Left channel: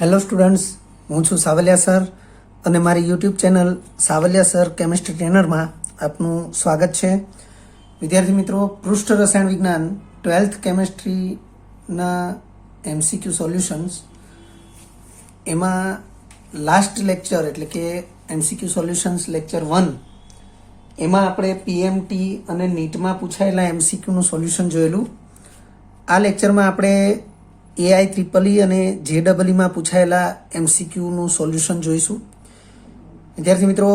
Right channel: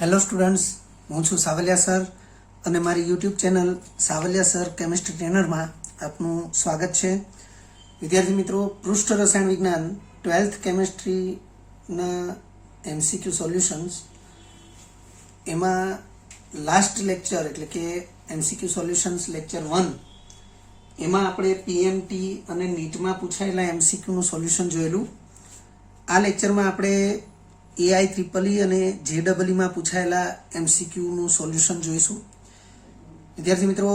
Hello students, હું છું Savaliya sir અને મારી YouTube channel Savaliya sir chemistry ટ્રેનરમાં આપનું સ્વાગત છે. વિદ્યાર્થી મિત્રો, પૃષ્ઠ રસાયણ વિજ્ઞાન 12th કેમિસ્ટ્રીના MCQ સોલ્યુશન્સ એમાં લાસ્ટ લેક્ચર એટલે કે MCQ સોલ્યુશન્સ લેક્ચર 1 એમાં આપણે PMT અને નીટમાં પૂછાયેલા MCQનું સોલ્યુશન જોયેલું. આ લેક્ચરમાં આપણે AIEEE અને JEE માં પૂછાયેલા MCQનું સોલ્યુશન જોઈશું. વિદ્યાર્થી મિત્રો,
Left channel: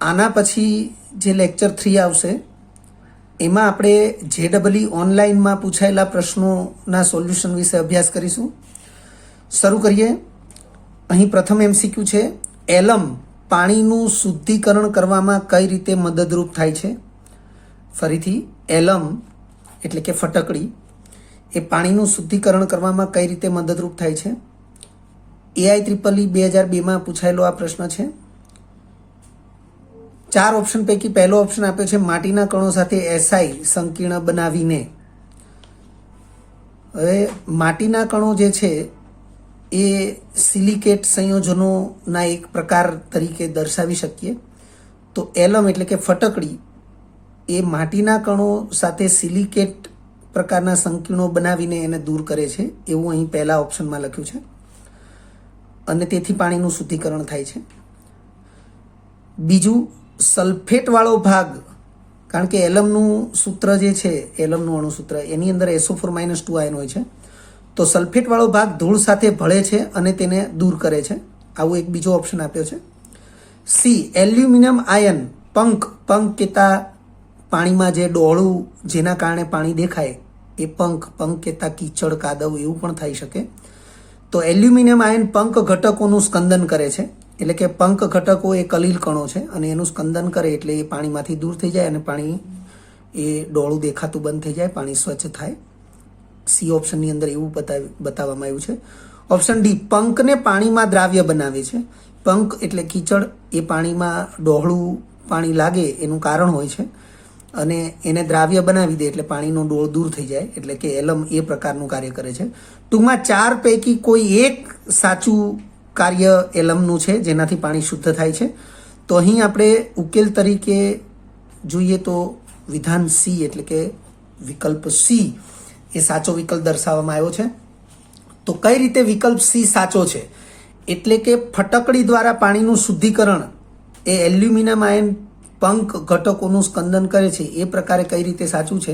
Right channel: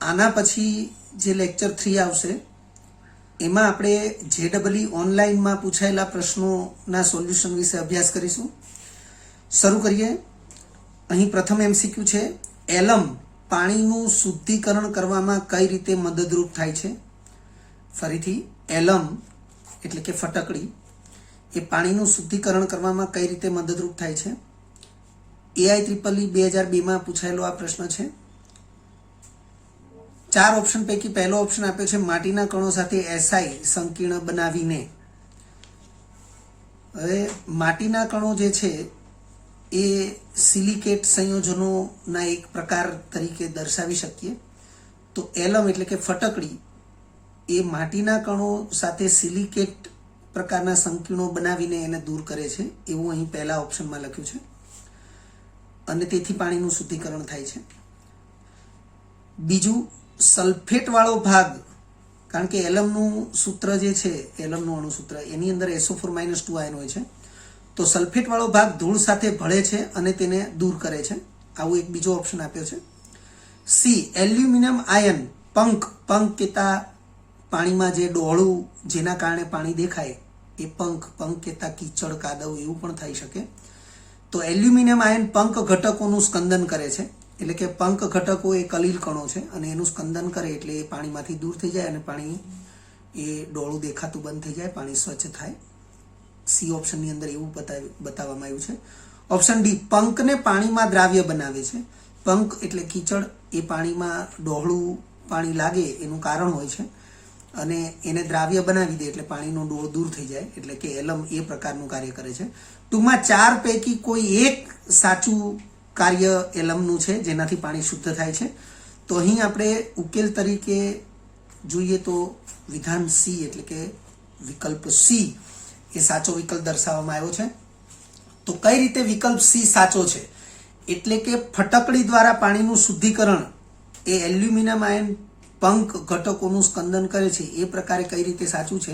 આના પછી જે લેક્ચર 3 આવશે એમાં આપણે JEE ઓનલાઈનમાં પૂછાયેલા પ્રશ્નોના સોલ્યુશન વિશે અભ્યાસ કરીશું. શરૂ કરીએ. અહીં પ્રથમ MCQ છે, એલમ પાણીનું શુદ્ધિકરણ કરવામાં કઈ રીતે મદદરૂપ થાય છે. ફરીથી, એલમ એટલે કે ફટકડી એ પાણીનું શુદ્ધિકરણ કરવામાં કઈ રીતે મદદરૂપ થાય છે. AIEEE 2002માં પૂછાયેલો આ પ્રશ્ન છે. 4 ઓપ્શન પૈકી પહેલો ઓપ્શન આપ્યો છે માટીના કણો સાથે SI સંકીર્ણ બનાવીને. હવે માટીના કણો જે છે એ સિલિકેટ સંયોજનોના એક પ્રકાર તરીકે દર્શાવી શકીએ. તો એલમ એટલે કે ફટકડી એ માટીના કણો સાથે સિલિકેટ પ્રકારના સંકીર્ણો બનાવીને એને દૂર કરે છે એવું અહીં પહેલા ઓપ્શનમાં લખ્યું છે અને તેથી પાણીનું શુદ્ધિકરણ થાય છે. બીજું, સલ્ફેટ વાળો ભાગ, કારણ કે એલમનું સૂત્ર જે છે, એલમનું અણુસૂત્ર, એની અંદર SO4 - 2 આયન હોય છે. તો સલ્ફેટ વાળો ભાગ ધૂળ સાથે ભળે છે અને તેને દૂર કરે છે. આવું એક બીજો ઓપ્શન આપ્યો છે. સી, એલ્યુમિનિયમ આયન પંખ કહેતા પાણીમાં જે ડોળું જેના કારણે પાણી દેખાય એ પંખ કહેતા કીચડ કાદવ એવું પણ થઈ શકે. તો એલ્યુમિનિયમ આયન પંખ ઘટકોનું સ્કંદન કરે છે, એટલે કે પંખ ઘટકો એ કલીલ કણો છે અને એનું સ્કંદન કરે એટલે એ પાણીમાંથી દૂર થઈ જાય અને પાણી એ ડોળું દેખાતું બંધ થઈ જાય, પાણી સ્વચ્છ થાય. સી ઓપ્શનની અંદર એવું બતાવવામાં આવ્યું છે. ઓપ્શન ડી, પંખને પાણીમાં દ્રાવ્ય બનાવે છે. પંખ એટલે કીચડ એ પાણીમાં ડોહળું પાણી લાગે એનું કારણ હોય છે અને એને દ્રાવ્ય બનાવી દે એટલે પાણીનો ડોળ દૂર થઈ જાય, એટલે કે એલમ એ પ્રકારનું કાર્ય કરે છે. ટૂંકમાં 4 પૈકી કોઈ એક સાચું કાર્ય એલમનું છે જેનાથી પાણી શુદ્ધ થાય છે. તો અહીં આપણે ઉકેલ તરીકે જોઈએ તો વિધાન સી એટલે કે વિકલ્પ સી એ સાચો વિકલ્પ દર્શાવવામાં આવ્યો છે. તો કઈ રીતે વિકલ્પ સી સાચો છે? એટલે કે ફટકડી દ્વારા પાણીનું શુદ્ધિકરણ એ એલ્યુમિનિયમ આયન પંખ ઘટકોનું સ્કંદન કરે છે એ પ્રકારે કઈ રીતે સાચું છે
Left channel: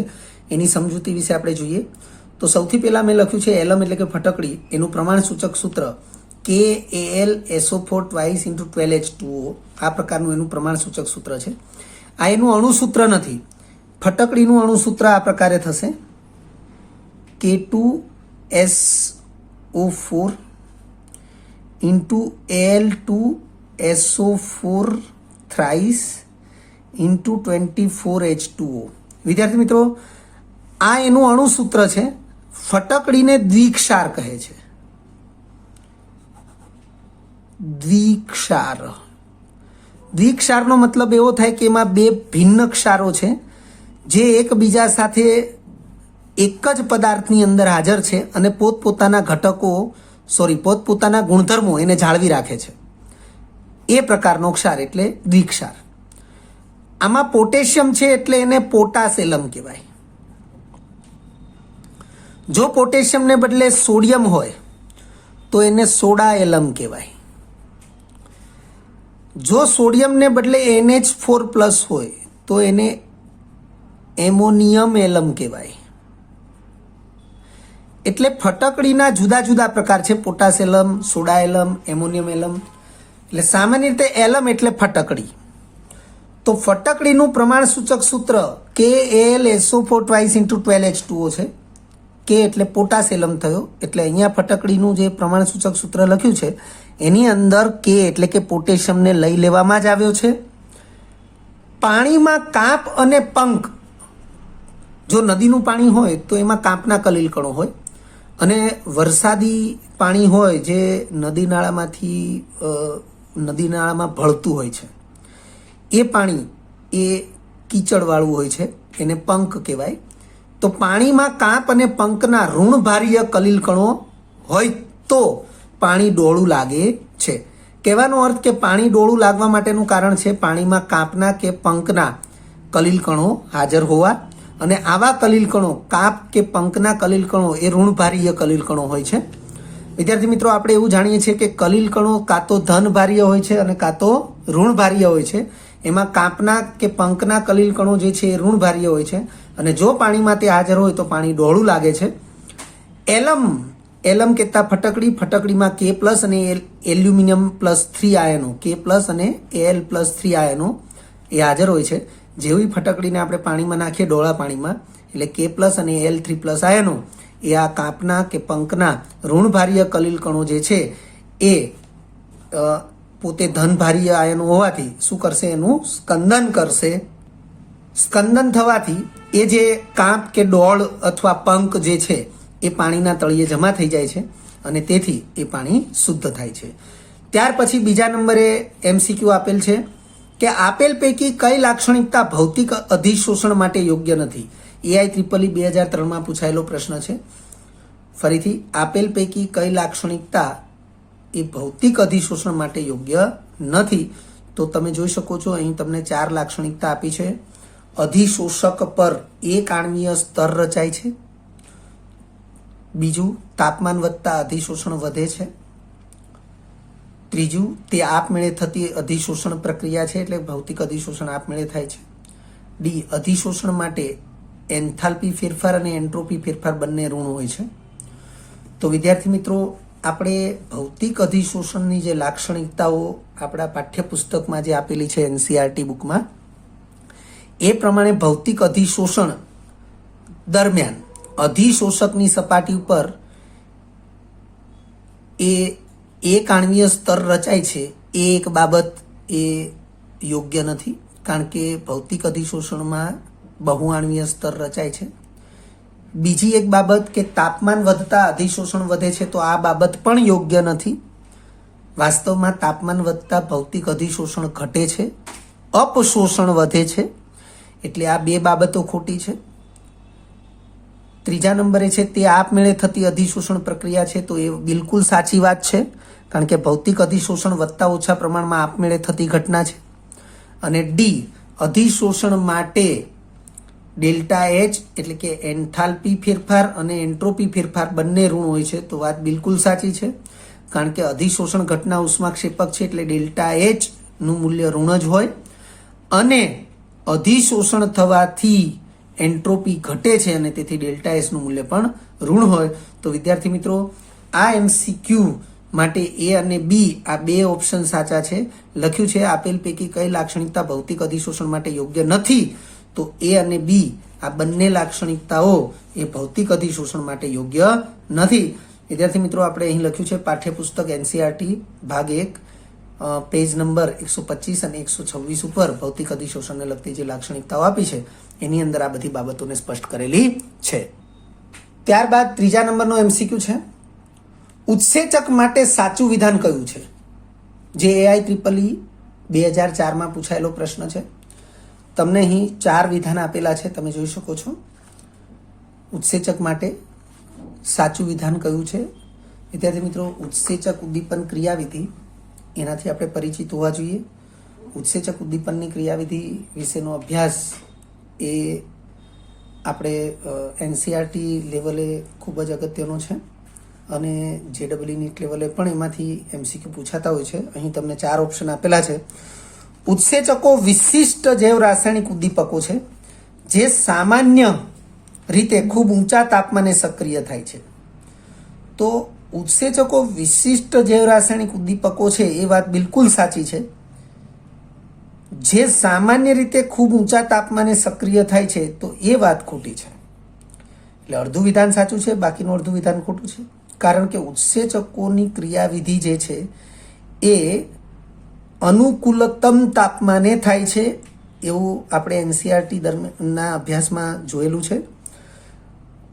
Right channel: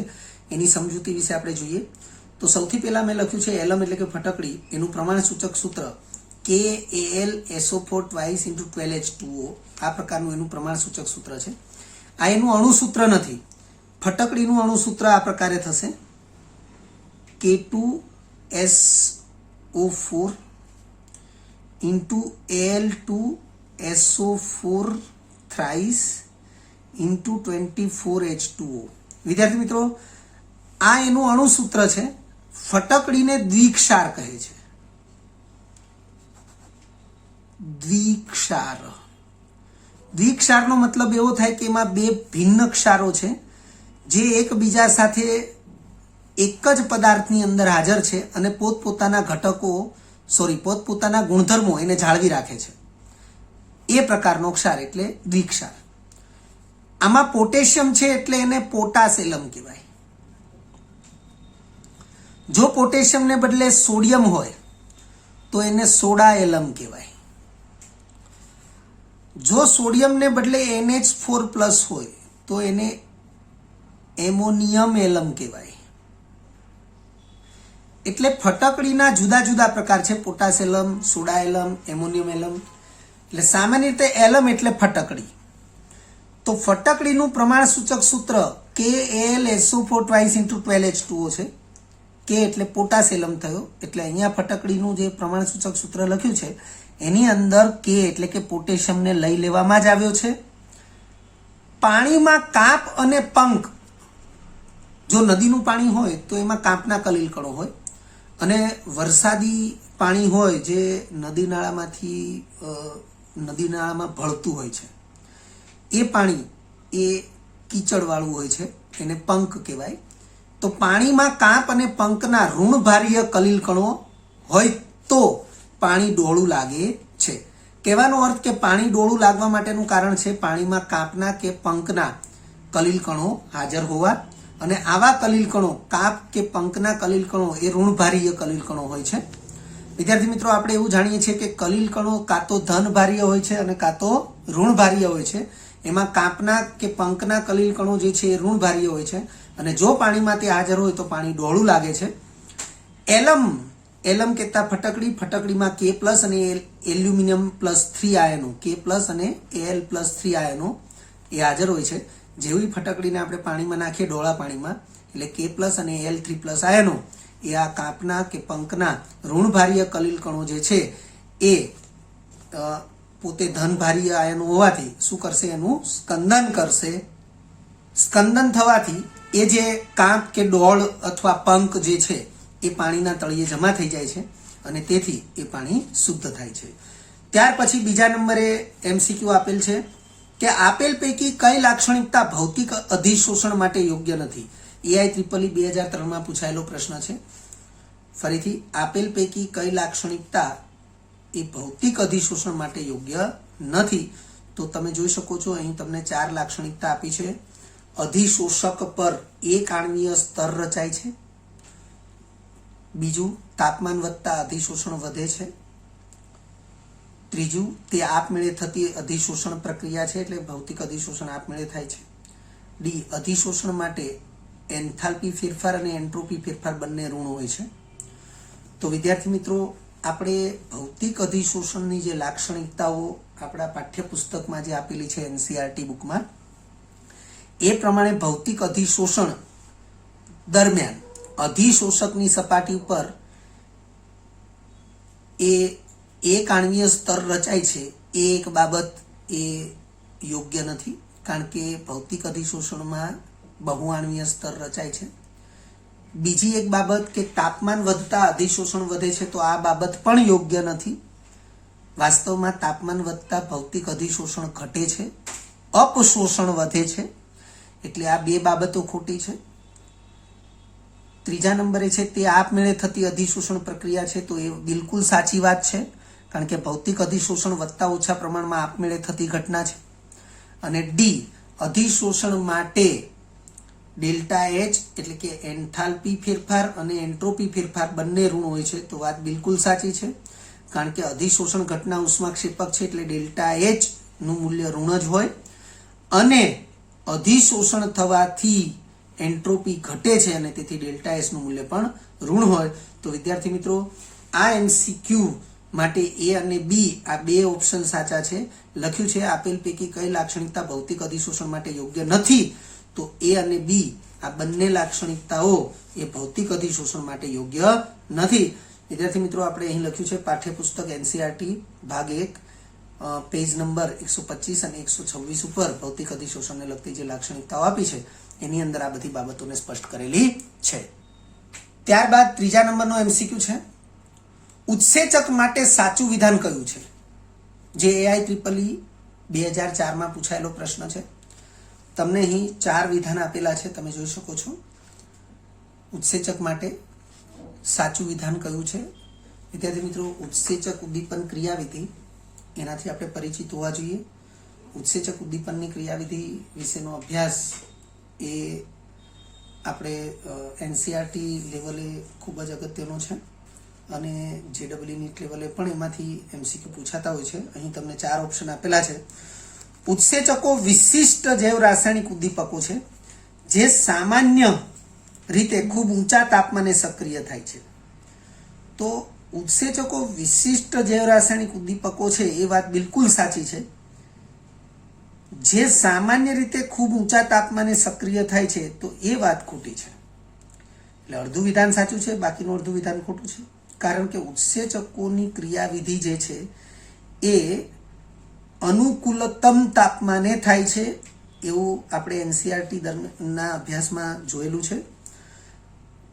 એની સમજૂતી વિશે આપણે જોઈએ. તો સૌથી પહેલા મેં લખ્યું છે એલમ એટલે કે ફટકડી, એનું પ્રમાણ સૂચક સૂત્ર KAlSO4 twice × 12H2O આ પ્રકારનું એનું પ્રમાણ સૂચક સૂત્ર છે. આ એનું અણુસૂત્ર નથી. ફટકડીનું અણુસૂત્ર આ પ્રકારે થશે, K2SO4 × Al2SO4 thrice × 24H2O. વિદ્યાર્થી મિત્રો, આ એનું અણુસૂત્ર છે. ફટકડીને દ્વિક્ષાર કહે છે. દ્વિક્ષારનો મતલબ એવો થાય કે એમાં 2 ભિન્ન ક્ષારો છે જે એકબીજા સાથે એક જ પદાર્થની અંદર હાજર છે અને પોતપોતાના ગુણધર્મો એને જાળવી રાખે છે. એ પ્રકારનો ક્ષાર એટલે દ્વિક્ષાર. આમાં પોટેશિયમ છે એટલે એને પોટાશ એલમ કહેવાય. જો પોટેશિયમને બદલે સોડિયમ હોય તો એને સોડા એલમ કહેવાય. જો સોડિયમને બદલે NH4+ હોય તો એને એમોનિયમ એલમ કહેવાય. એટલે ફટકડીના જુદા જુદા પ્રકાર છે, પોટાશ એલમ, સોડા એલમ, એમોનિયમ એલમ. એટલે સામાન્ય રીતે એલમ એટલે ફટકડી. તો ફટકડીનું પ્રમાણ સૂચક સૂત્ર KAlSO4 twice × 12H2O છે. કે એટલે પોટાશ એલમ થયો. એટલે અહીંયા ફટકડીનું જે પ્રમાણ સૂચક સૂત્ર લખ્યું છે એની અંદર કે એટલે કે પોટેશિયમને લઈ લેવામાં જ આવ્યો છે. પાણીમાં કાંપ અને પંખ, જો નદીનું પાણી હોય તો એમાં કાંપના કલીલ કણો હોય અને વરસાદી પાણી હોય જે નદી નાળામાં ભળતું હોય છે એ પાણી એ કીચડવાળું હોય છે, એને પંખ કહેવાય. તો પાણીમાં કાંપ અને પંખના ઋણભારીય કલીલ કણો હોય તો પાણી ડોળું લાગે છે. કહેવાનો અર્થ કે પાણી ડોળું લાગવા માટેનું કારણ છે પાણીમાં કાંપના કે પંકના કલીલ કણો હાજર હોવા, અને આવા કલીલ કણો, કાંપ કે પંકના કલીલ કણો એ ઋણભારીય કલીલ કણો હોય છે. વિદ્યાર્થી મિત્રો, આપણે એવું જાણીએ છીએ કે કલીલ કણો કાં તો ધનભારીય હોય છે અને કાં તો ઋણભારીય હોય છે. એમાં કાંપના કે પંકના કલીલ કણો જે છે એ ઋણભારીય હોય છે, અને જો પાણીમાં તે હાજર હોય તો પાણી ડોળું લાગે છે. એલમ કહેતા ફટકડીમાં K પ્લસ અને એલ્યુમિનિયમ પ્લસ 3 આયનો, K પ્લસ અને Al પ્લસ 3 આયનો એ હાજર હોય છે. જેવી ફટકડીને આપણે પાણીમાં નાખીએ, ડોળા પાણીમાં, એટલે K પ્લસ અને Al3 પ્લસ આયનો એ આ કાંપના કે પંકના ઋણભારીય કલીલ કણો જે છે એ પોતે ધનભારીય આયનો હોવાથી શું કરશે? એનું સ્કંદન કરશે. સ્કંદન થવાથી એ જે કાંપ કે ડોળ અથવા પંક જે છે એ પાણીના તળિયે જમા થઈ જાય છે, અને તેથી એ પાણી શુદ્ધ થાય છે. ત્યાર પછી બીજા નંબરે MCQ આપેલ છે કે આપેલ પૈકી કઈ લાક્ષણિકતા ભૌતિક અધિશોષણ માટે યોગ્ય નથી? EIEEE 2003માં પૂછાયેલો પ્રશ્ન છે. ફરીથી, આપેલ પૈકી કઈ લાક્ષણિકતા એ ભૌતિક અધિશોષણ માટે યોગ્ય નથી? તો તમે જોઈ શકો છો, અહીં તમને 4 લાક્ષણિકતા આપી છે. અધિશોષક પર એક આણ્વીય સ્તર રચાય છે. બીજું, તાપમાન વધતા અધિશોષણ વધે છે. ત્રીજું, તે આપમેળે થતી અધિશોષણ પ્રક્રિયા છે, એટલે ભૌતિક અધિશોષણ આપમેળે થાય છે. ડી, અધિશોષણ માટે એન્થાલ્પી ફેરફાર અને એન્ટ્રોપી ફેરફાર બંને ઋણ હોય છે. તો વિદ્યાર્થી મિત્રો, આપણે ભૌતિક અધિશોષણની જે લાક્ષણિકતાઓ આપણા પાઠ્યપુસ્તકમાં જે આપેલી છે NCERT બુકમાં, એ પ્રમાણે ભૌતિક અધિશોષણ દરમિયાન અધિશોષકની સપાટી ઉપર એ એક આણ્વીય સ્તર રચાય છે, એ એક બાબત એ યોગ્ય નથી, કારણ કે ભૌતિક અધિશોષણમાં બહુઆણ્વીય સ્તર રચાય છે. બીજી એક બાબત કે તાપમાન વધતા અધિશોષણ વધે છે, તો આ બાબત પણ યોગ્ય નથી. વાસ્તવમાં તાપમાન વધતા ભૌતિક અધિશોષણ ઘટે છે, અપશોષણ વધે છે, એટલે આ બે બાબતો ખોટી છે. ત્રીજા નંબરે છે તે આપમેળે થતી અધિશોષણ પ્રક્રિયા છે, તો એ બિલકુલ સાચી વાત છે, કારણ કે ભૌતિક અધિશોષણ વધતા ઓછા પ્રમાણમાં આપમેળે થતી ઘટના છે. અને ડી, અધિશોષણ માટે ડેલ્ટા H એટલે કે એન્થાલ્પી ફેરફાર અને એન્ટ્રોપી ફેરફાર બંને ઋણ હોય છે, તો વાત બિલકુલ સાચી છે, કારણ કે અધિશોષણ ઘટના ઉષ્માક્ષેપક છે, એટલે ડેલ્ટા H નું મૂલ્ય ઋણ જ હોય, અને અધિશોષણ થવાથી એન્ટ્રોપી ઘટે છે, અને તેથી ડેલ્ટા S નું મૂલ્ય પણ ઋણ હોય. તો વિદ્યાર્થી મિત્રો, આ MCQ માટે A અને B આ બે ઓપ્શન સાચા છે. લખ્યું છે આપેલ પૈકી કઈ લાક્ષણિકતા ભૌતિક અધિશોષણ માટે યોગ્ય નથી? તો A અને B આ બંને લાક્ષણિકતાઓ એ ભૌતિક અધિશોષણ માટે યોગ્ય નથી. વિદ્યાર્થી મિત્રો, આપણે અહીં લખ્યું છે પાઠ્યપુસ્તક NCERT ભાગ 1 પેજ નંબર 125 અને 126 ઉપર ભૌતિક અધિશોષણને લગતી જે લાક્ષણિકતાઓ આપી છે એની અંદર આ બધી બાબતોને સ્પષ્ટ કરેલી છે. ત્યારબાદ ત્રીજા નંબરનો MCQ છે, ઉત્સેચક માટે સાચું વિધાન કયું છે? જે EIEEE 2004માં પૂછાયેલો પ્રશ્ન છે. તમને અહીં 4 વિધાન આપેલા છે, તમે જોઈ શકો છો. ઉત્સેચક માટે સાચું વિધાન કયું છે? વિદ્યાર્થી મિત્રો, ઉત્સેચક ઉદ્દીપન ક્રિયાવિધિ એનાથી આપણે પરિચિત હોવા જોઈએ. ઉત્સેચક ઉદ્દીપનની ક્રિયાવિધિ વિશેનો અભ્યાસ એ આપણે NCERT લેવલે ખૂબ જ અગત્યનો છે, અને JEE NEET લેવલે પણ એમાંથી MCQ પૂછાતા હોય છે. અહીં તમને 4 ઓપ્શન આપેલા છે. ઉત્સેચકો વિશિષ્ટ જૈવ રાસાયણિક ઉદ્દીપકો છે જે સામાન્ય રીતે ખૂબ ઊંચા તાપમાને સક્રિય થાય છે. તો ઉત્સેચકો વિશિષ્ટ જૈવ રાસાયણિક ઉદ્દીપકો છે એ વાત બિલકુલ સાચી છે. જે સામાન્ય રીતે ખૂબ ઊંચા તાપમાને સક્રિય થાય છે, તો એ વાત ખોટી છે. એટલે અડધું વિધાન સાચું છે, બાકીનું અડધું વિધાન ખોટું છે, કારણ કે ઉત્સેચકોની ક્રિયાવિધિ જે છે એ અનુકૂલતમ તાપમાને થાય છે, એવું આપણે NCERT દરમિયાનના અભ્યાસમાં જોયેલું છે.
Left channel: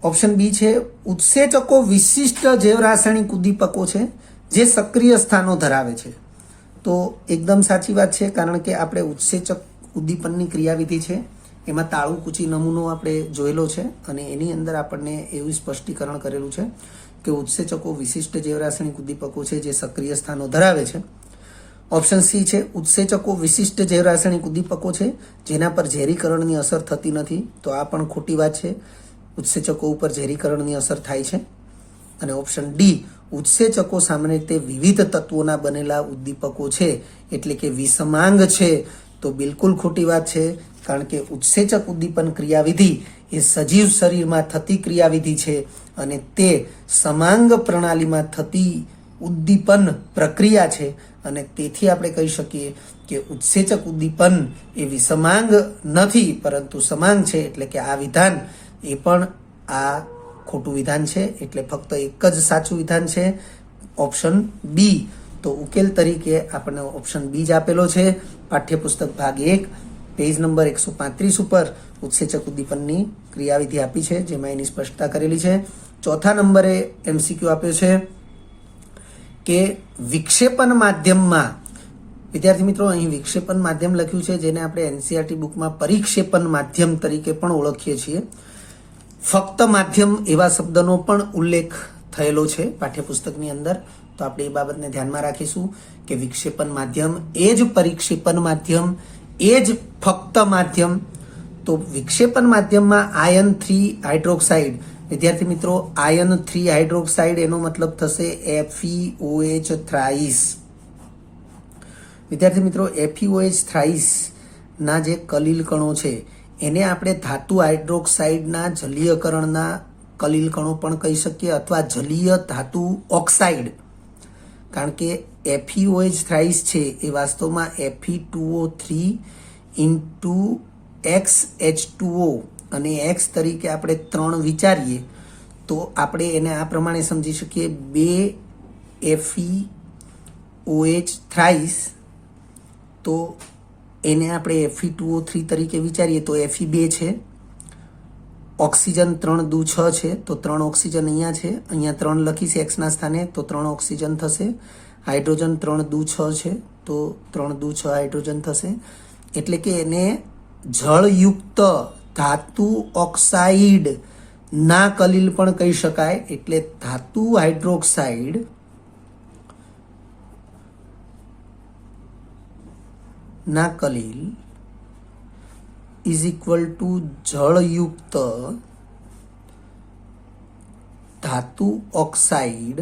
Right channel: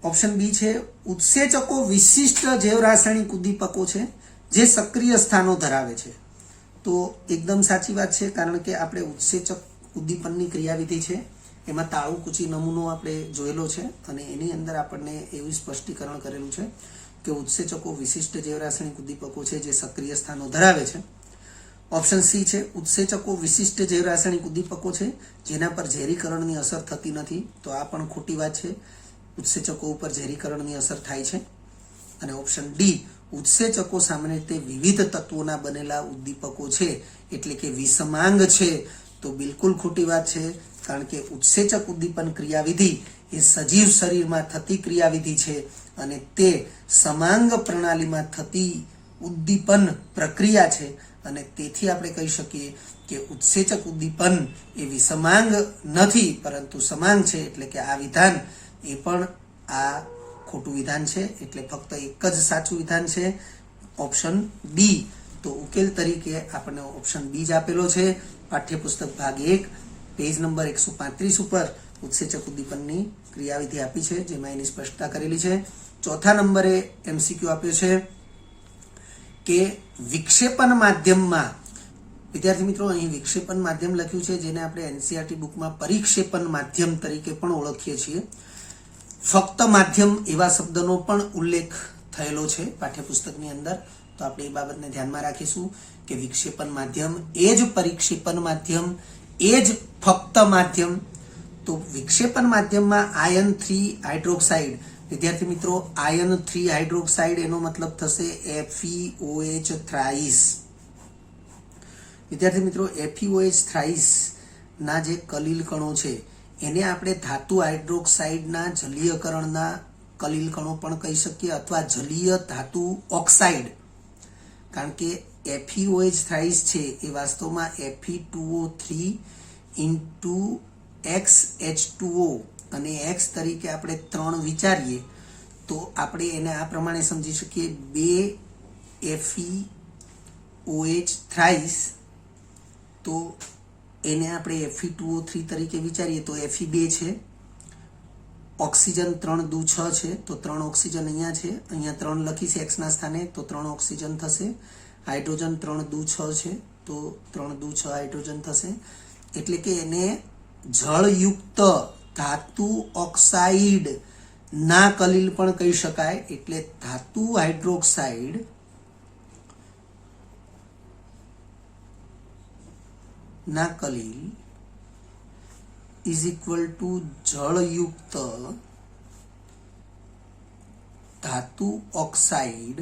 ઓપ્શન બી છે, ઉત્સેચકો વિશિષ્ટ જૈવ રાસાયણિક ઉદ્દીપકો છે જે સક્રિય સ્થાનો ધરાવે છે. તો એકદમ સાચી વાત છે, કારણ કે આપણે ઉત્સેચક ઉદ્દીપનની ક્રિયાવિધિ છે એમાં તાળું કૂચી નમૂનો આપણે જોયેલો છે, અને એની અંદર આપણને એવું સ્પષ્ટીકરણ કરેલું છે. કે ઉત્સેચકો વિશિષ્ટ જૈવરાસાયણિક ઉદ્દીપકો છે જે સક્રિય સ્થાનો ધરાવે છે. ઓપ્શન સી છે ઉત્સેચકો વિશિષ્ટ જૈવરાસાયણિક ઉદ્દીપકો છે જેના પર ઝેરીકરણની અસર થતી નથી. તો આ પણ ખોટી વાત છે, ઉત્સેચકો ઉપર ઝેરીકરણની અસર થાય છે. અને ઓપ્શન ડી ઉત્સેચકો સામાન્ય રીતે વિવિધ તત્વોના બનેલા ઉદ્દીપકો છે એટલે કે વિષમાંગ છે. તો બિલકુલ ખોટી વાત છે, કારણ કે ઉત્સેચક ઉદ્દીપન ક્રિયાવિધિ એ સજીવ શરીરમાં થતી ક્રિયાવિધિ છે અને તે સમાંગ પ્રણાલીમાં થતી ઉદ્દીપન પ્રક્રિયા છે. અને તેથી આપણે કહી શકીએ કે ઉત્સેચક ઉદ્દીપન એ વિષમાંગ નથી પરંતુ સમાંગ છે. એટલે કે આ વિધાન એ પણ આ ખોટું વિધાન છે. એટલે ફક્ત એક જ સાચું વિધાન છે, ઓપ્શન બી. તો ઉકેલ તરીકે આપણને ઓપ્શન બી જ આપેલો છે. પાઠ્યપુસ્તક ભાગ 1 પેજ નંબર 135 ઉપર ઉત્સેચક ઉદ્દીપનની ક્રિયાવિધિ આપી છે જેમાં એની સ્પષ્ટતા કરેલી છે. ચોથા નંબરે એમસીક્યુ આપ્યો છે કે વિક્ષેપન માધ્યમમાં, વિદ્યાર્થી મિત્રો અહીં વિક્ષેપન માધ્યમ લખ્યું છે જેને આપણે એનસીઈઆરટી બુકમાં પરિક્ષેપણ માધ્યમ તરીકે પણ ઓળખીએ છીએ. ફક્ત માધ્યમ એવા શબ્દનો પણ ઉલ્લેખ થયેલો છે પાઠ્યપુસ્તકની અંદર. તો આપણે એ બાબતને ધ્યાનમાં રાખીશું કે વિક્ષેપન માધ્યમ એ જ પરિક્ષેપણ માધ્યમ, એ જ ફક્ત માધ્યમ. તો વિક્ષેપન માધ્યમમાં આયન 3 હાઇડ્રોક્સાઇડ, વિદ્યાર્થી મિત્રો આયન 3 હાઇડ્રોક્સાઇડ એનો મતલબ થશે FeOH થ્રાઇસ. વિદ્યાર્થી મિત્રો FeOH થ્રાઇસ ના જે કલીલ કણો છે એને આપણે ધાતુ હાઇડ્રોક્સાઇડના જલીયકરણના કલીલ કણો પણ કહી શકીએ અથવા જલીય ધાતુ ઓક્સાઇડ. કારણ કે FeOH થ્રાઇસ છે એ વાસ્તવમાં Fe2O3 ઇન્ટુ XH2O અને X તરીકે આપણે 3 વિચારીએ તો આપણે એને આ પ્રમાણે સમજી શકીએ 2 FeOH થ્રાઇસ. તો એને આપણે Fe2O3 તરીકે વિચારીએ તો Fe2 છે. ઓક્સિજન 3 દુ 6 છે તો 3 ઓક્સિજન અહીંયા છે, અહીંયા 3 લખીશ X ના સ્થાને તો 3 ઓક્સિજન થશે. હાઇડ્રોજન 3 દુ 6 છે તો 3 દુ 6 હાઇડ્રોજન થશે. એટલે કે એને જળયુક્ત ધાતુ ઓક્સાઇડ ના કલીલ પણ કહી શકાય. એટલે ધાતુ હાઇડ્રોક્સાઇડ ના કલીલ ઇઝ ઇક્વલ ટુ જળયુક્ત ધાતુ ઓક્સાઇડ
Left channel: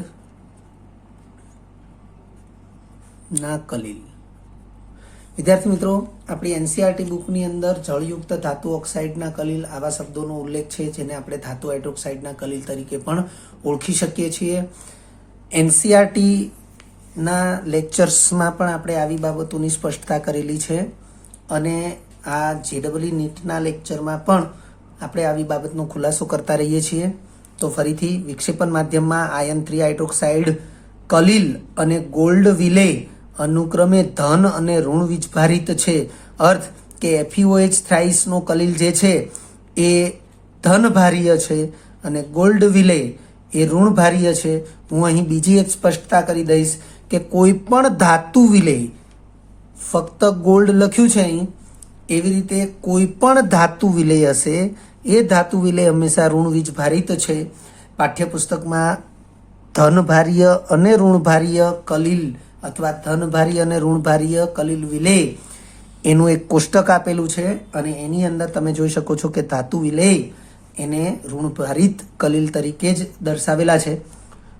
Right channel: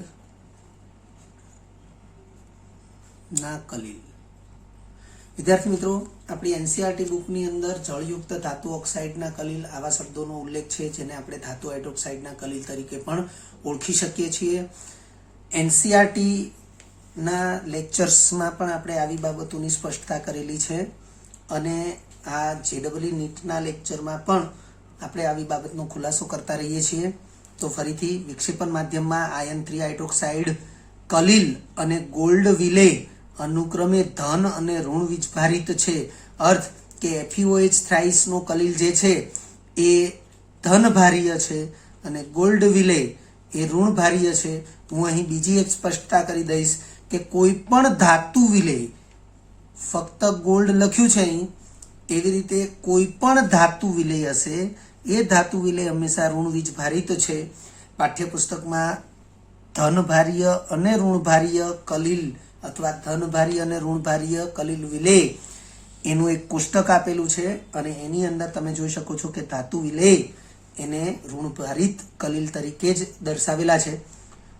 ના કલીલ. વિદ્યાર્થી મિત્રો આપણી એનસીઈઆરટી બુકની અંદર જળયુક્ત ધાતુ ઓક્સાઇડના કલીલ આવા શબ્દોનો ઉલ્લેખ છે જેને આપણે ધાતુ હાઇડ્રોક્સાઇડના કલીલ તરીકે પણ ઓળખી શકીએ છીએ. એનસીઈઆરટી ના લેક્ચર્સમાં પણ આપણે આવી બાબતોની સ્પષ્ટતા કરેલી છે અને આ જેડબલઈ નીટના લેક્ચરમાં પણ આપણે આવી બાબતનો ખુલાસો કરતા રહીએ છીએ. તો ફરીથી વિક્ષેપણ માધ્યમમાં આયન 3 હાઇડ્રોક્સાઇડ કલીલ અને ગોલ્ડ વિલે અનુક્રમે ધન અને ઋણ વીજભારિત છે. અર્થ કે FeOH થ્રાઇસનો કલીલ જે છે એ ધનભારીય છે અને ગોલ્ડ વિલે એ ઋણભારીય છે. હું અહીં બીજી એક સ્પષ્ટતા કરી દઈશ કે કોઈ પણ ધાતુ વિલેય, ફક્ત ગોલ્ડ લખ્યું છે અહીં, એવી રીતે કોઈ પણ ધાતુ વિલેય હશે એ ધાતુ વિલેય હંમેશા ઋણ વીજભારિત છે. પાઠ્યપુસ્તકમાં ધનભારીય અને ઋણભારીય કલીલ અથવા ધનભારીય અને ઋણભારીય કલીલ વિલેય એનું એક કોષ્ટક આપેલું છે અને એની અંદર તમે જોઈ શકો છો કે ધાતુ વિલેય એને ઋણભારિત કલીલ તરીકે જ દર્શાવેલા છે.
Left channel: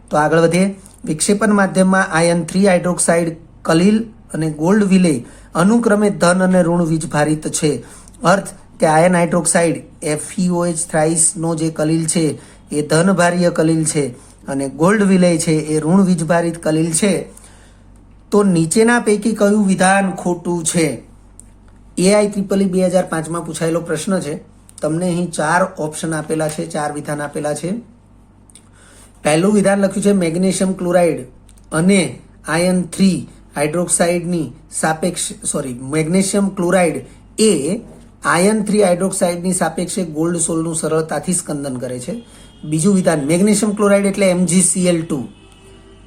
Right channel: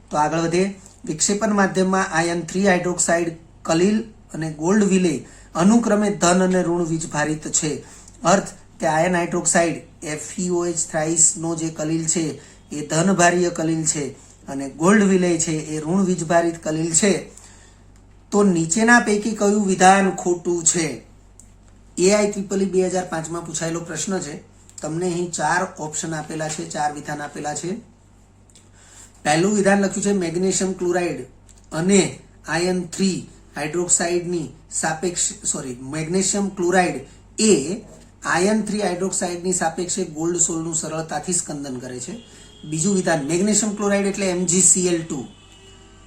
તો આગળ વધીએ. વિક્ષેપણ માધ્યમમાં આયન 3 હાઇડ્રોક્સાઇડ કલીલ અને ગોલ્ડ વિલેય અનુક્રમે ધન અને ઋણ વીજભારિત છે. અર્થ કે આયન હાઇડ્રોક્સાઇડ FeOH થ્રાઇસનો જે કલીલ છે એ ધનભારીય કલીલ છે અને ગોલ્ડ વિલેય છે એ ઋણ વીજભારિત કલીલ છે. તો નીચેના પૈકી કયું વિધાન ખોટું છે? AIEEE 2005માં પૂછાયેલો પ્રશ્ન છે. તમને અહીં 4 ઓપ્શન આપેલા છે, 4 વિધાન આપેલા છે. પહેલું વિધાન લખ્યું છે મેગ્નેશિયમ ક્લોરાઇડ અને આયન 3 હાઇડ્રોક્સાઇડની મેગ્નેશિયમ ક્લોરાઇડ એ આયન 3 હાઇડ્રોક્સાઇડની સાપેક્ષે ગોલ્ડ સોલનું સરળતાથી સ્કંદન કરે છે. બીજું વિધાન મેગ્નેશિયમ ક્લોરાઇડ એટલે MgCl2.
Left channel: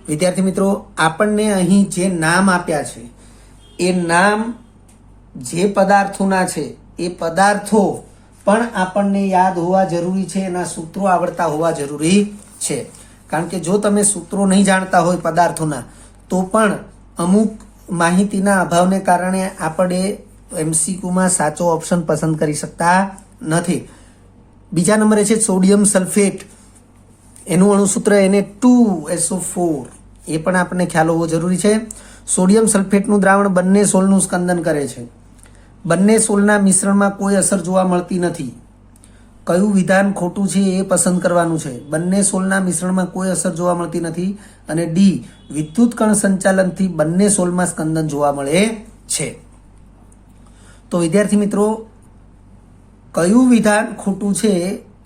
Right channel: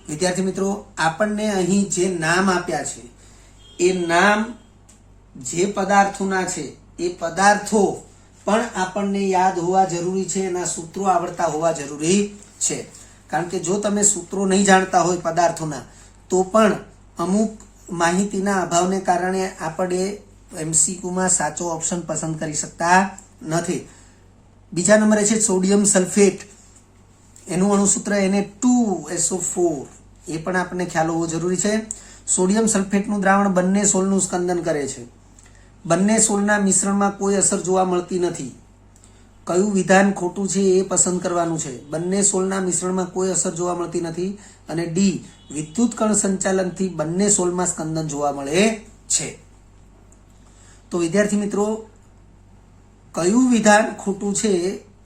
વિદ્યાર્થી મિત્રો આપણને અહીં જે નામ આપ્યા છે એ નામ જે પદાર્થોના છે એ પદાર્થો પણ આપણને યાદ હોવા જરૂરી છે, એના સૂત્રો આવડતા હોવા જરૂરી છે. કારણ કે જો તમે સૂત્રો નહીં જાણતા હોય પદાર્થોના તો પણ અમુક માહિતીના અભાવને કારણે આપણે એમસીક્યુમાં સાચો ઓપ્શન પસંદ કરી શકતા નથી. બીજા નંબરે છે સોડિયમ સલ્ફેટ, એનું અણુસૂત્ર Na2SO4, એ પણ આપણને ખ્યાલ હોવો જરૂરી છે. સોડિયમ સલ્ફેટનું દ્રાવણ બંને સોલનું સ્કંદન કરે છે. બંને સોલના મિશ્રણમાં કોઈ અસર જોવા મળતી નથી. કયું વિધાન ખોટું છે એ પસંદ કરવાનું છે. બંને સોલના મિશ્રણમાં કોઈ અસર જોવા મળતી નથી. અને ડી, વિદ્યુત કણ સંચાલનથી બંને સોલમાં સ્કંદન જોવા મળે છે. તો વિદ્યાર્થી મિત્રો, કયું વિધાન ખોટું છે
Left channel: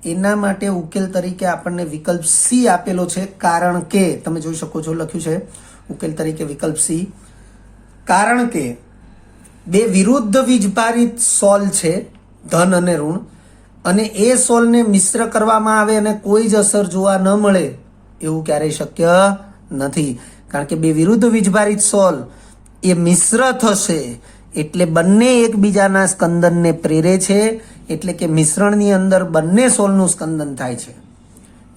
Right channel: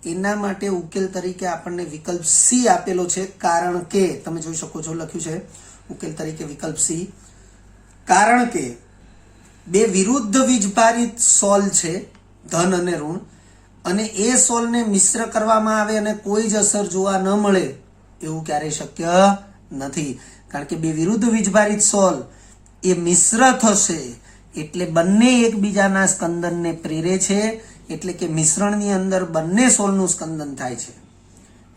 એના માટે ઉકેલ તરીકે આપણને વિકલ્પ સી આપેલો છે. કારણ કે તમે જોઈ શકો છો લખ્યું છે ઉકેલ તરીકે વિકલ્પ સી, કારણ કે બે વિરુદ્ધ વીજભારિત સોલ છે, ધન અને ઋણ, અને એ સોલને મિશ્ર કરવામાં આવે અને કોઈ જ અસર જોવા ન મળે એવું ક્યારેય શક્ય નથી. કારણ કે બે વિરુદ્ધ વીજભારિત સોલ એ મિશ્ર થશે એટલે બંને એકબીજાના સ્કંદનને પ્રેરે છે, એટલે કે મિશ્રણની અંદર બંને સોલનું સ્કંદન થાય છે.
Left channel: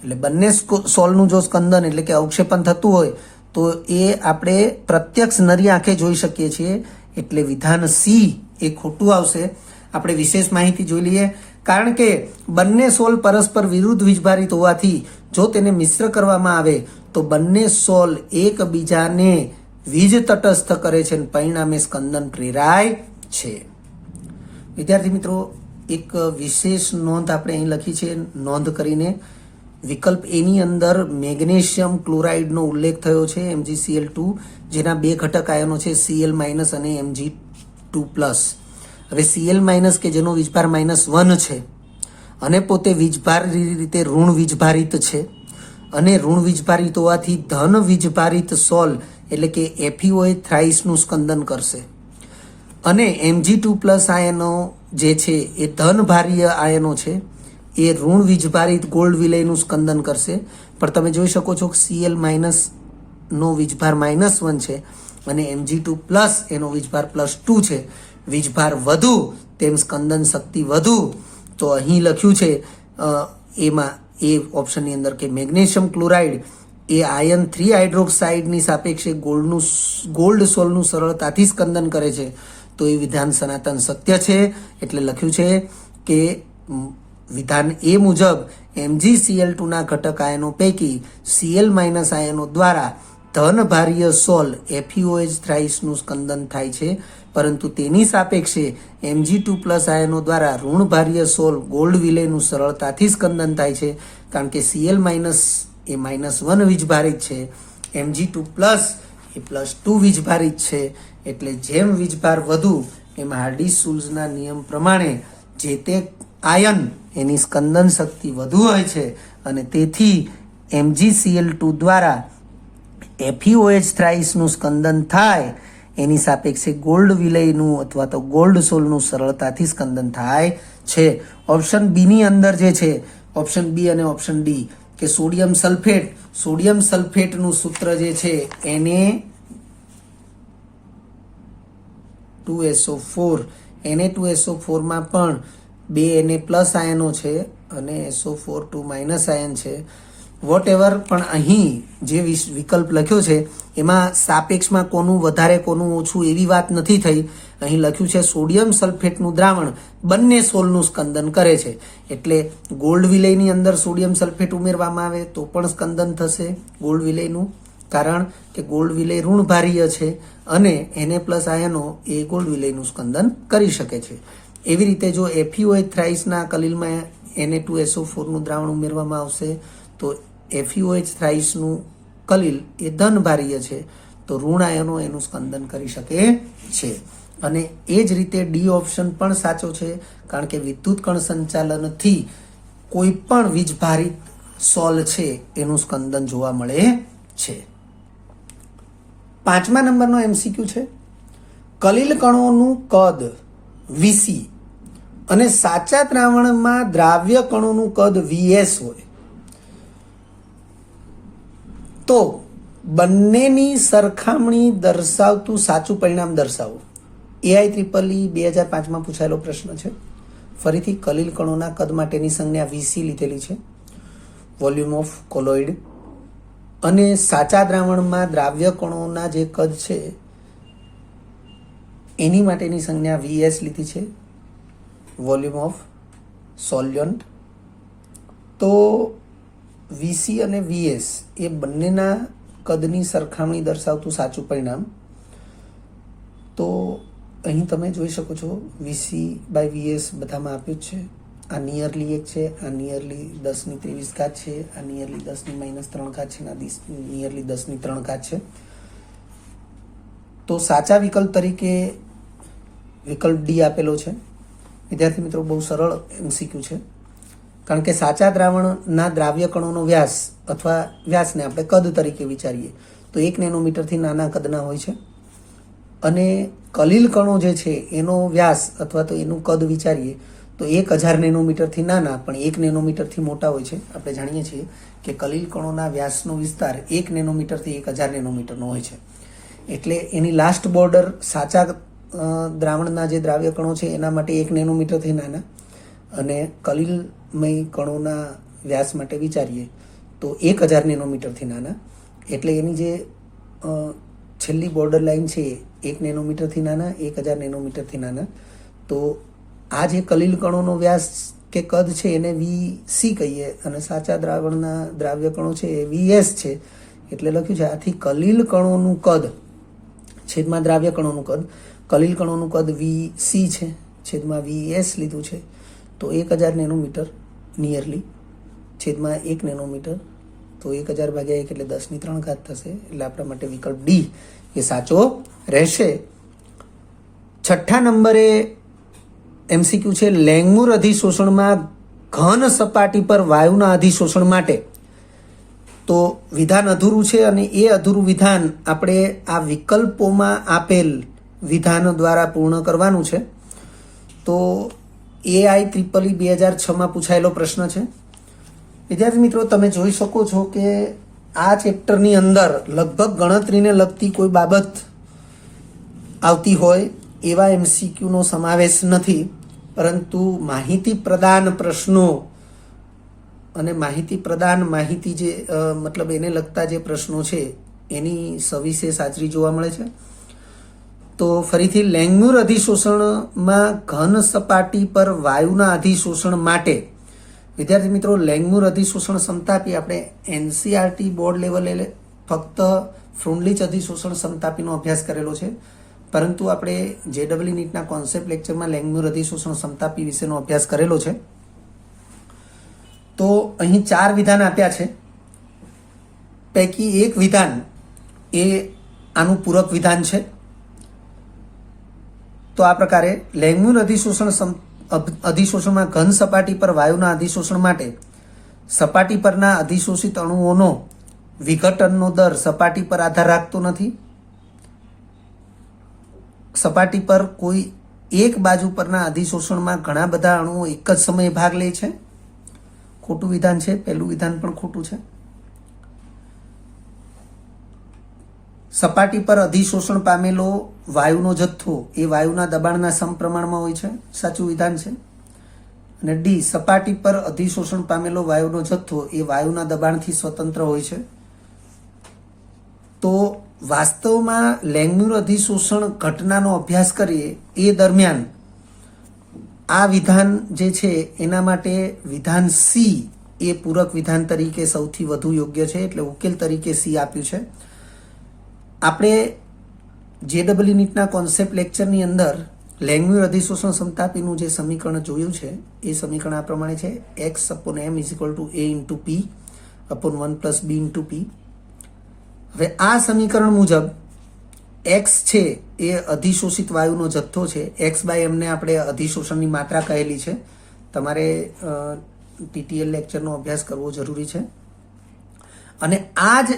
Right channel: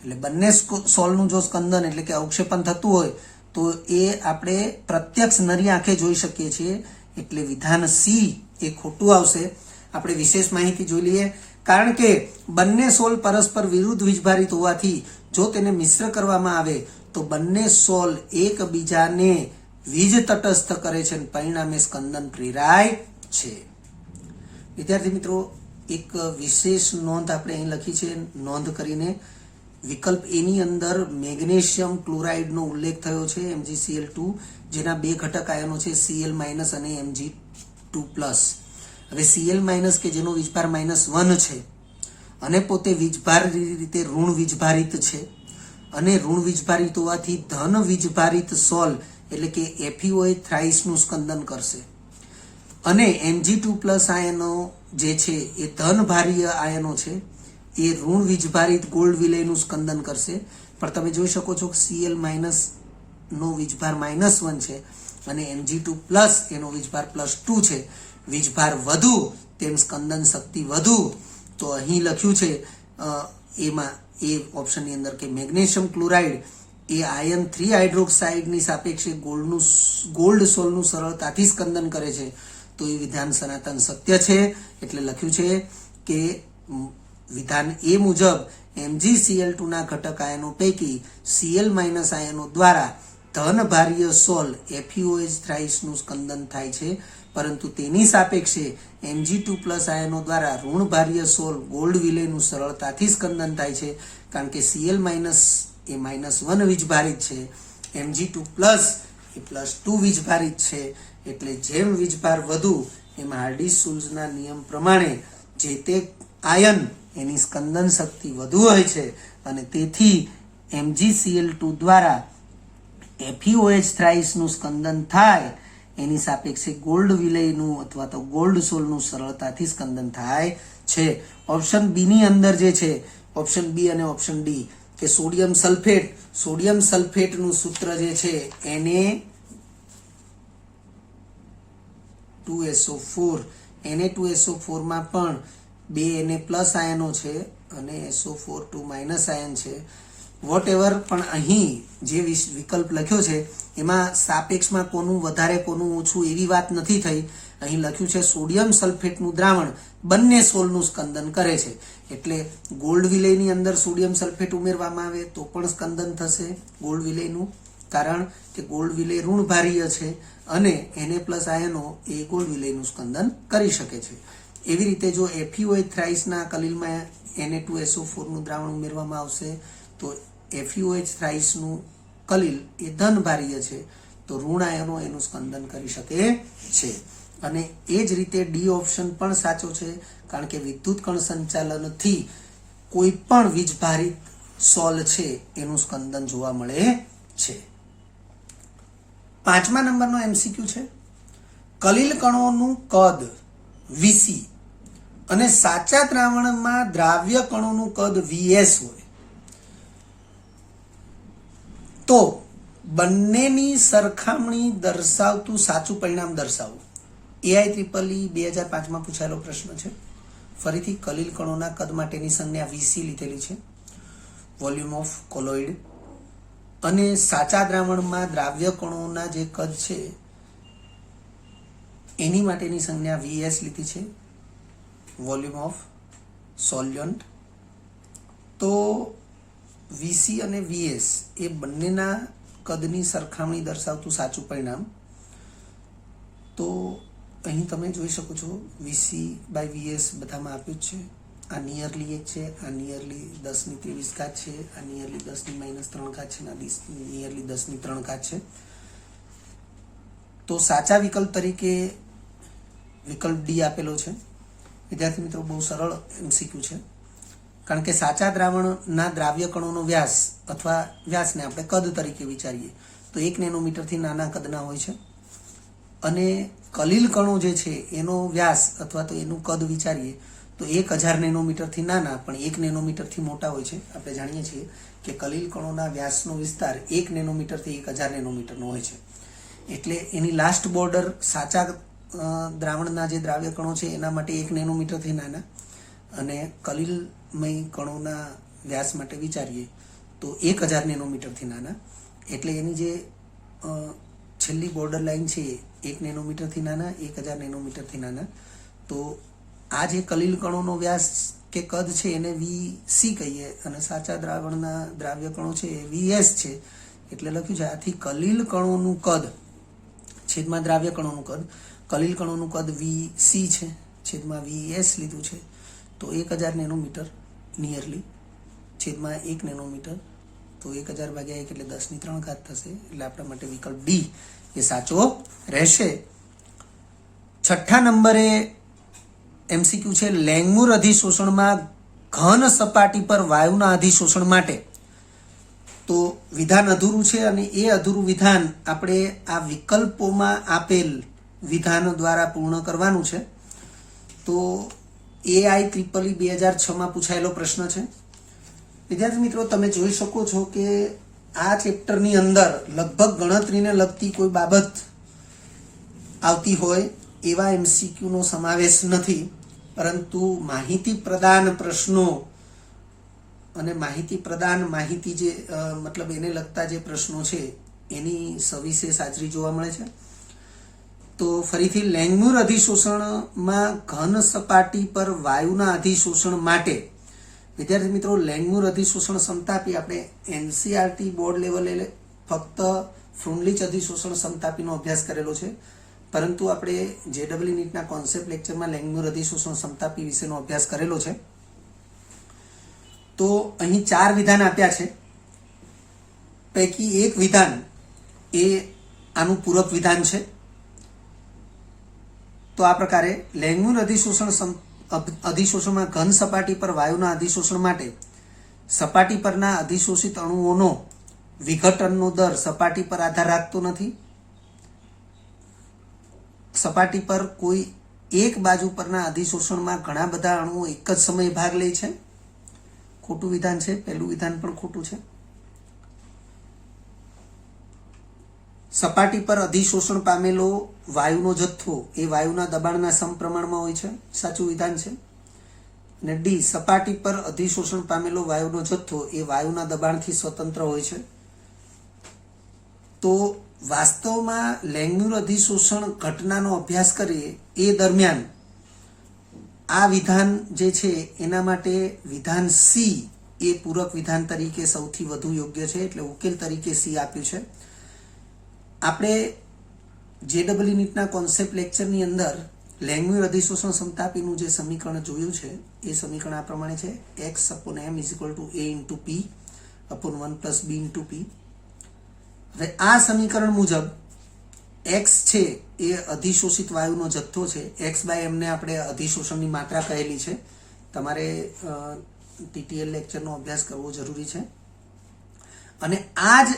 એટલે બંને સોલનું જો સ્કંદન એટલે કે અવક્ષેપન થતું હોય તો એ આપણે પ્રત્યક્ષ નરી આંખે જોઈ શકીએ છીએ. એટલે વિધાન સી એ ખોટું આવશે. આપણે વિશેષ માહિતી જોઈ લઈએ. કારણ કે બંને સોલ પરસ્પર વિરુદ્ધ વીજભારિત હોવાથી જો તેને મિશ્ર કરવામાં આવે તો બંને સોલ એકબીજાને વીજ તટસ્થ કરે છે અને પરિણામે સ્કંદન પ્રેરાય છે. વિદ્યાર્થી મિત્રો, એક વિશેષ નોંધ આપણે અહીં લખી છે, નોંધ કરીને વિકલ્પ એની અંદર મેગ્નેશિયમ ક્લોરાઇડનો ઉલ્લેખ થયો છે, MgCl2, જેના બે ઘટક આયનો છે Cl- અને Mg2+. હવે Cl- કે જેનો વીજભાર -1 છે અને પોતે વીજભારી રીતે ઋણ વીજભારિત છે, અને ઋણ વીજભારિત હોવાથી ધન વીજભારિત સોલ એટલે કે FeOH થ્રાઇસનું સ્કંદન કરશે, અને Mg2+ આયનો જે છે એ ધન ભારીય આયનો છે, એ ઋણ વીજભારિત ગોલ્ડ વિલયનું સ્કંદન કરશે. પણ તમે જોઈ શકો છો કે Cl- નો વીજભાર -1 છે અને Mg2+ એનો વીજભાર +2 છે. વીજભાર વધુ તેમ સ્કંદન શક્તિ વધુ. તો અહીં લખ્યું છે એમાં એ ઓપ્શનની અંદર કે મેગ્નેશિયમ ક્લોરાઇડ એ આયન 3 હાઇડ્રોક્સાઇડની સાપેક્ષે ગોલ્ડ સોલનું સરળતાથી સ્કંદન કરે છે. તો એ વિધાન સનાતન સત્ય છે. એટલે લખ્યું છે કે વિધાન એ મુજબ MgCl2 ના ઘટક આયનો પૈકી Cl- આયનો દ્વારા ધન ભારીય સોલ FeOH થ્રાઇસનું સ્કંદન થાય છે, પરંતુ તેની સાપેક્ષે Mg2+ આયનો દ્વારા ઋણ ભારીય સોલ ગોલ્ડ વિલયનું સરળતાથી સ્કંદન થાય છે. કારણ કે Cl- એ -1 વીજભારિત છે, Mg2+ એ +2 વીજભારિત છે. એટલે જેમ વીજભાર વધુ એમ હાર્ડી-સુલ્ઝના નિયમ પ્રમાણે જે તે આયન એની સ્કંદન શક્તિ વધુ હોય છે, અને તેથી MgCl2 દ્વારા FeOH થ્રાઇસનું સ્કંદન થાય એની સાપેક્ષે ગોલ્ડ વિલયનું અથવા તો ગોલ્ડ સોલનું સરળતાથી સ્કંદન થાય છે. ઓપ્શન બી ની અંદર જે છે, ઓપ્શન બી અને ઓપ્શન ડી, કે સોડિયમ સલ્ફેટનું સૂત્ર જે છે Na2SO4, Na2SO4 માં પણ બે Na+ આયનો છે અને SO4 2- આયન છે. વોટ એવર, પણ અહીં જે વિકલ્પ લખ્યો છે એમાં સાપેક્ષમાં કોનું વધારે કોનું ઓછું એવી વાત નથી થઈ. અહીં લખ્યું છે સોડિયમ સલ્ફેટનું દ્રાવણ બંને સોલનું સ્કંદન કરે છે. એટલે ગોલ્ડ વિલયની અંદર સોડિયમ સલ્ફેટ ઉમેરવામાં આવે તો પણ સ્કંદન થશે ગોલ્ડ વિલયનું, કારણ કે ગોલ્ડ વિલય ઋણ ભારીય છે અને Na+ આયનો એ ગોલ્ડ વિલયનું સ્કંદન કરી શકે છે. એવી રીતે જો FeOH થ્રાઇસના કલિલમાં Na2SO4નું દ્રાવણ ઉમેરવામાં આવશે તો FeOH થ્રાઇસનું કલિલ એ ધન ભારીય છે, તો ઋણ આયનો એનું સ્કંદન કરી શકે છે. અને એ જ રીતે ડી ઓપ્શન પણ સાચો છે, કારણ કે વિદ્યુત કણ સંચાલનથી કોઈ પણ વીજભારિત સોલ છે એનું સ્કંદન જોવા મળે છે. 5મા નંબરનો MCQ છે, કલિલ કણોનું કદ Vc અને સાચા દ્રાવણમાં દ્રાવ્ય કણોનું કદ Vs હોય તો બંનેની સરખામણી દર્શાવતું સાચું પરિણામ દર્શાવો. AIEEE 2005માં પૂછાયેલો પ્રશ્ન છે. ફરીથી કલિલ કણોના કદ માટેની સંજ્ઞા Vc લીધેલી છે, વોલ્યુમ ઓફ કોલોઇડ. અને સાચા દ્રાવણમાં દ્રાવ્ય કણોના જે કદ છે એની માટેની સંજ્ઞા VS લીધી છે, વોલ્યુમ ઓફ સોલ્યુન્ટ. તો VC અને VS એ બંનેના કદની સરખામણી દર્શાવતું સાચું પરિણામ. તો અહીં તમે જોઈ શકો છો VC/VS બધામાં આપ્યું જ છે. આ નિયરલી 1 છે, આ નિયરલી 10⁻³ છે, આ નિયરલી 10⁻³ છે, આ નિયરલી 10⁻³ છે. તો સાચા વિકલ્પ તરીકે વિકલ્પ ડી આપેલો છે. વિદ્યાર્થી મિત્રો, બહુ સરળ MCQ છે, કારણ કે સાચા દ્રાવણના દ્રાવ્ય કણોનો વ્યાસ અથવા વ્યાસને આપણે કદ તરીકે વિચારીએ તો 1 નેનોમીટરથી નાના કદના હોય છે, અને કલીલ કણો જે છે એનો વ્યાસ અથવા તો એનું કદ વિચારીએ તો 1000 નેનોમીટરથી નાના પણ 1 નેનોમીટરથી મોટા હોય છે. આપણે જાણીએ છીએ કે કલીલ કણોના વ્યાસનો વિસ્તાર 1 નેનોમીટરથી 1000 નેનોમીટરનો હોય છે. એટલે એની લાસ્ટ બોર્ડર સાચા દ્રાવણના જે દ્રાવ્ય કણો છે એના માટે 1 નેનોમીટરથી નાના, અને કલીલમય કણોના વ્યાસ માટે વિચારીએ તો 1000 નેનોમીટરથી નાના. એટલે એની જે છેલ્લી બોર્ડર લાઈન છે 1 નેનોમીટરથી નાના, 1000 નેનોમીટરથી નાના. તો આ જે કલીલ કણોનો વ્યાસ કે કદ છે એને VC કહીએ, અને સાચા દ્રાવણના દ્રાવ્ય કણો છે એ VS છે. એટલે લખ્યું છે આથી કલીલ કણોનું કદ છેદમાં દ્રાવ્ય કણોનું કદ, કલીલ કણોનું કદ VC છે છેદમાં VS લીધું છે. તો 1000 નેનોમીટર નિયરલી છેદમાં 1 નેનોમીટર, તો 1000/1 એટલે 10⁻³ થશે. એટલે આપણા માટે વિકલ્પ ડી એ સાચો રહેશે. 6થા નંબરે MCQ છે લેંગમૂર અધિશોષણમાં ઘન સપાટી પર વાયુના અધિશોષણ માટે. તો વિધાન અધૂરું છે, અને એ અધૂરું વિધાન આપણે આ વિકલ્પોમાં આપેલ વિધાનો દ્વારા પૂર્ણ કરવાનું છે. તો AIEEE 2006માં પૂછાયેલો પ્રશ્ન છે. વિદ્યાર્થી મિત્રો, તમે જોઈ શકો છો કે આ ચેપ્ટરની અંદર લગભગ ગણતરીને લગતી કોઈ બાબત આવતી હોય એવા MCQનો સમાવેશ નથી, પરંતુ માહિતી પ્રદાન પ્રશ્નો અને માહિતી જે મતલબ એને લગતા જે પ્રશ્નો છે એની સવિશેષ હાજરી જોવા મળે છે. તો ફરીથી લેંગમૂર અધિશોષણમાં ઘન સપાટી પર વાયુના અધિશોષણ માટે. વિદ્યાર્થી મિત્રો, લેંગમૂર અધિશોષણ સમતાપી આપણે NCERT બોર્ડ લેવલે ફક્ત ફ્રુન્ડલીચ અધિશોષણ સમતાપીનો અભ્યાસ કરેલો છે, પરંતુ આપણે JEE નીટના કોન્સેપ્ટ લેક્ચરમાં લેંગમૂર અધિશોષણ સમતાપી વિશેનો અભ્યાસ કરેલો છે. તો અહીં 4 વિધાન આપ્યા છે, પૈકી એક વિધાન એ આનું પૂરક વિધાન છે. તો આ પ્રકારે લેંગમૂર અધિશોષણમાં ઘન સપાટી પર વાયુના અધિશોષણ માટે સપાટી પરના અધિશોષિત અણુઓનો વિઘટનનો દર સપાટી પર આધાર રાખતો નથી. સપાટી પર કોઈ એક બાજુ પરના અધિશોષણમાં ઘણા બધા અણુઓ એક જ સમયે ભાગ લે છે. ખોટું વિધાન છે, પહેલું વિધાન પણ ખોટું છે. સપાટી પર અધિશોષણ પામેલો વાયુનો જથ્થો એ વાયુના દબાણના સમપ્રમાણમાં હોય છે, સાચું વિધાન છે. અને ડી, સપાટી પર અધિશોષણ પામેલો વાયુનો જથ્થો એ વાયુના દબાણથી સ્વતંત્ર હોય છે. તો વાસ્તવમાં લેંગમૂર અધિશોષણ ઘટનાનો અભ્યાસ કરીએ એ દરમિયાન આ વિધાન જે છે એના માટે વિધાન સી એ પૂરક વિધાન તરીકે સૌથી વધુ યોગ્ય છે. એટલે ઉકેલ તરીકે સી આપ્યું છે. આપણે JEE નીટના કોન્સેપ્ટ લેક્ચરની અંદર લેંગમૂર અધિશોષણ સમતાપીનું જે સમીકરણ જોયું છે એ સમીકરણ આ પ્રમાણે છે: x/m = a/p/1 + b/p. હવે આ સમીકરણ મુજબ x છે એ અધિશોષિત વાયુનો જથ્થો છે. x/m ને આપણે અધિશોષણની માત્રા કહેલી છે. તમારે TTL લેક્ચરનો અભ્યાસ કરવો જરૂરી છે. અને આ જ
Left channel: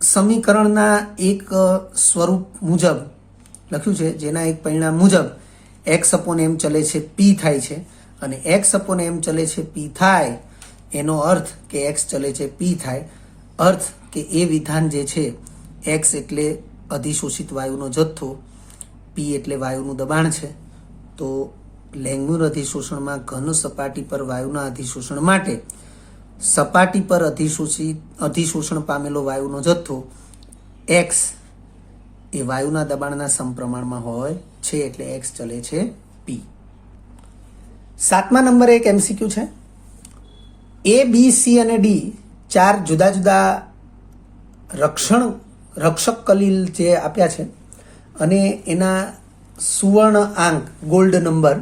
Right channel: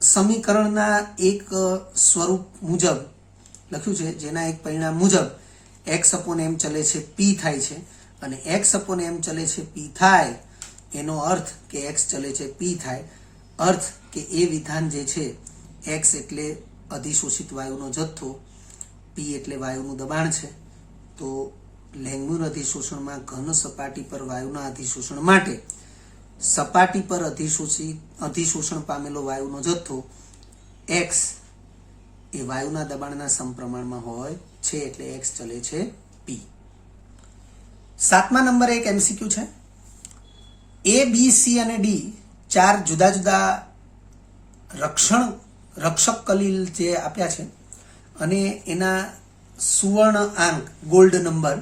સમીકરણના એક સ્વરૂપ મુજબ લખ્યું છે, જેના એક પરિણામ મુજબ x/m ચલે છે p થાય છે, અને x/m ચલે છે p થાય એનો અર્થ કે x ચલે છે p થાય. અર્થ કે એ વિધાન જે છે x એટલે અધિશોષિત વાયુનો જથ્થો, p એટલે વાયુનું દબાણ છે. તો લેંગમૂર અધિશોષણમાં ઘન સપાટી પર વાયુના અધિશોષણ માટે સપાટી પર અધિશોષણ પામેલો વાયુનો જથ્થો એક્સ એ વાયુના દબાણના સમપ્રમાણમાં હોય છે, એટલે એક્સ ચલે છે પી. 7મા નંબરે એક એમસીક્યુ છે. એ, બી, સી અને ડી 4 જુદા જુદા રક્ષક કલીલ જે આપ્યા છે અને એના સુવર્ણ આંક ગોલ્ડ નંબર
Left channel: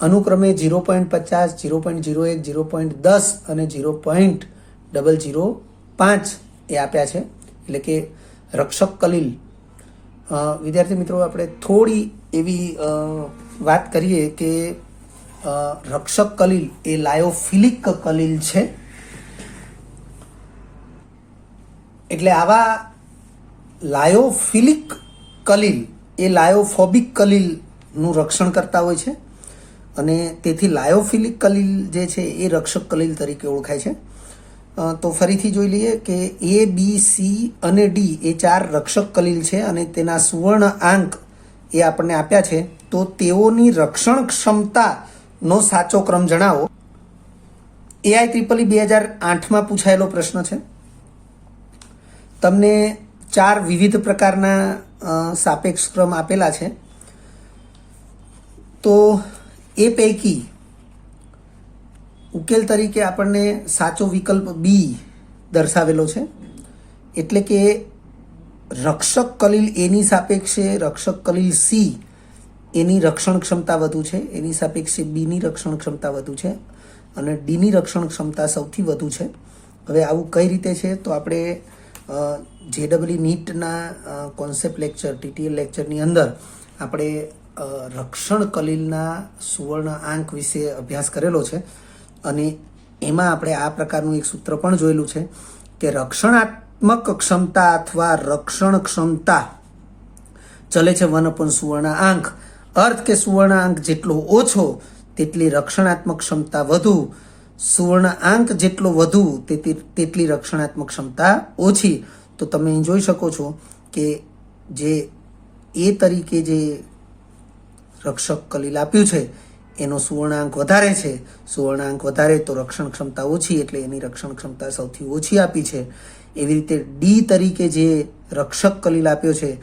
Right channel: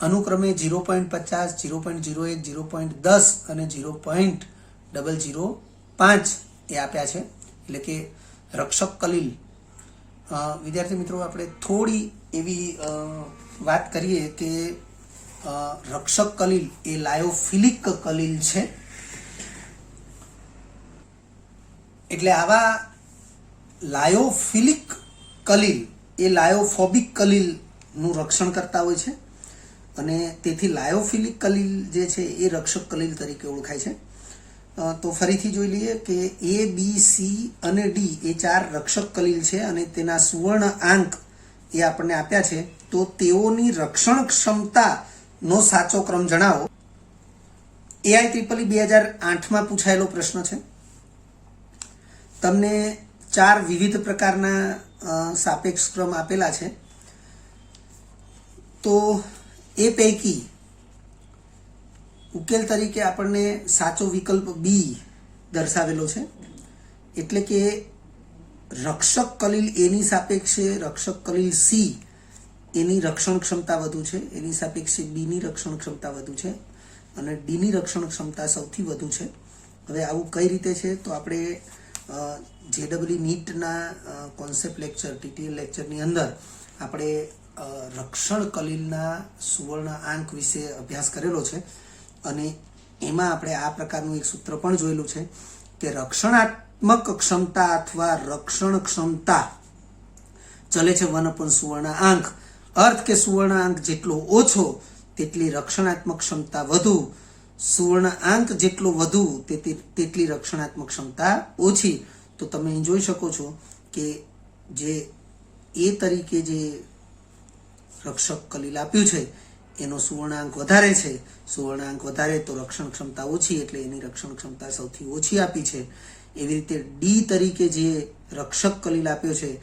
અનુક્રમે 0.50, 0.01, 0.10 અને 0.005 એ આપ્યા છે. એટલે કે રક્ષક કલીલ, વિદ્યાર્થી મિત્રો આપણે થોડી એવી વાત કરીએ કે રક્ષક કલીલ એ લાયોફિલિક કલીલ છે. એટલે આવા લાયોફિલિક કલીલ એ લાયોફોબિક કલીલનું રક્ષણ કરતા હોય છે અને તેથી લાયોફિલિક કલીલ જે છે એ રક્ષક કલીલ તરીકે ઓળખાય છે. તો ફરીથી જોઈ લઈએ કે એ, બી, સી અને ડી એ 4 રક્ષક કલીલ છે અને તેના સુવર્ણ આંક એ આપણને આપ્યા છે. તો તેઓની રક્ષણ ક્ષમતાનો સાચો ક્રમ જણાવો. AIEEE 2008માં પૂછાયેલો પ્રશ્ન છે. તમને 4 વિવિધ પ્રકારના સાપેક્ષ ક્રમ આપેલા છે. તો એ પૈકી ઉકેલ તરીકે આપણને સાચો વિકલ્પ બી દર્શાવેલો છે. એટલે કે રક્ષક કલીલ એની સાપેક્ષે રક્ષક કલીલ સી એની રક્ષણ ક્ષમતા વધુ છે, એની સાપેક્ષે બીની રક્ષણ ક્ષમતા વધુ છે અને ડીની રક્ષણ ક્ષમતા સૌથી વધુ છે. હવે આવું કઈ રીતે છે? તો આપણે JEE નીટના કોન્સેપ્ટ લેક્ચર, TTL લેક્ચરની અંદર આપણે રક્ષણ કલીલના સુવર્ણ આંક વિશે અભ્યાસ કરેલો છે અને એમાં આપણે આ પ્રકારનું એક સૂત્ર પણ જોયેલું છે કે રક્ષણાત્મક ક્ષમતા અથવા રક્ષણ ક્ષમતા ચલે છે 1 સુવર્ણ આંક. અર્થ કે સુવર્ણ આંક જેટલો ઓછો તેટલી રક્ષણાત્મક ક્ષમતા વધુ, સુવર્ણ આંક જેટલો વધુ તેટલી રક્ષણાત્મક ક્ષમતા ઓછી. તો તમે અહીં જોઈ શકો છો કે જે એ તરીકે જે રક્ષક કલીલ આપ્યું છે એનો સુવર્ણાંક વધારે છે. સુવર્ણાંક વધારે તો રક્ષણ ક્ષમતા ઓછી, એટલે એની રક્ષણ ક્ષમતા સૌથી ઓછી આપી છે. એવી રીતે ડી તરીકે જે રક્ષક કલીલ આપ્યો છે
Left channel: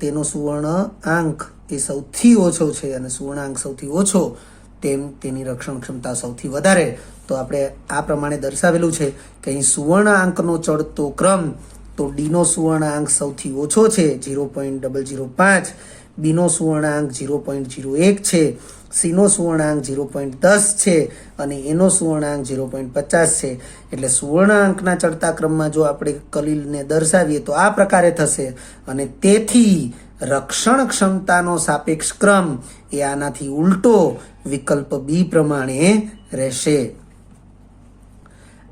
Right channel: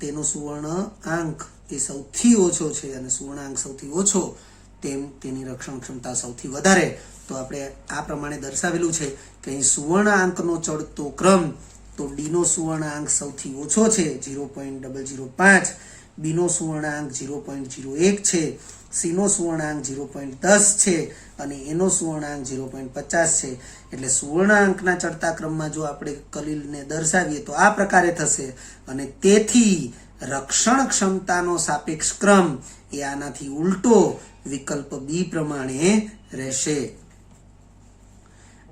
તેનો સુવર્ણ આંક એ સૌથી ઓછો છે અને સુવર્ણાંક સૌથી ઓછો તેની રક્ષણ ક્ષમતા સૌથી વધારે. તો આપણે આ પ્રમાણે દર્શાવેલું છે કે અહીં સુવર્ણ આંકનો ચડતો ક્રમ, તો ડીનો સુવર્ણ આંક સૌથી ઓછો છે 0.005, બીનો સુવર્ણાંક 0.01 છે, સીનો સુવર્ણાંક 0.10 છે અને એનો સુવર્ણાંક 0.50 છે. એટલે સુવર્ણાંકના ચડતા ક્રમમાં જો આપણે કલીલને દર્શાવીએ તો આ પ્રકારે થશે અને તેથી રક્ષણ ક્ષમતાનો સાપેક્ષ ક્રમ એ આનાથી ઉલટો વિકલ્પ બી પ્રમાણે રહેશે.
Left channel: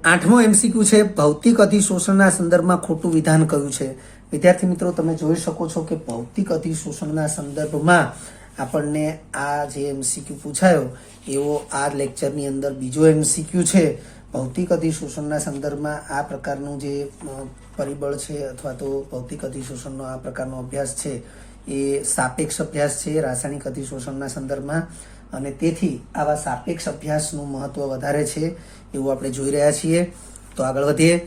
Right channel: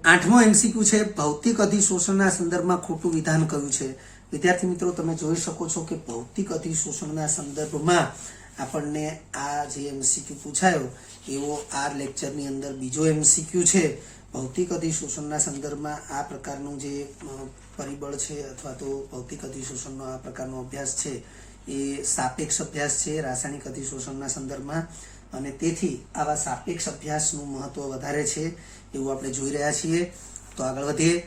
8મો MCQ છે. ભૌતિક અધિશોષણના સંદર્ભમાં ખોટું વિધાન કયું છે? વિદ્યાર્થી મિત્રો તમે જોઈ શકો છો કે ભૌતિક અધિશોષણના સંદર્ભમાં આપણને આ જે MCQ પૂછાયો એવો આ લેક્ચરની અંદર બીજો MCQ છે. ભૌતિક અધિશોષણના સંદર્ભમાં આ પ્રકારનું જે પરિબળ છે અથવા તો ભૌતિક અધિશોષણનો આ પ્રકારનો અભ્યાસ છે એ સાપેક્ષ અભ્યાસ છે રાસાયણિક અધિશોષણના સંદર્ભમાં અને તેથી આવા સાપેક્ષ અભ્યાસનું મહત્વ વધારે છે એવું આપણે જોઈ રહ્યા છીએ. તો આગળ વધીએ.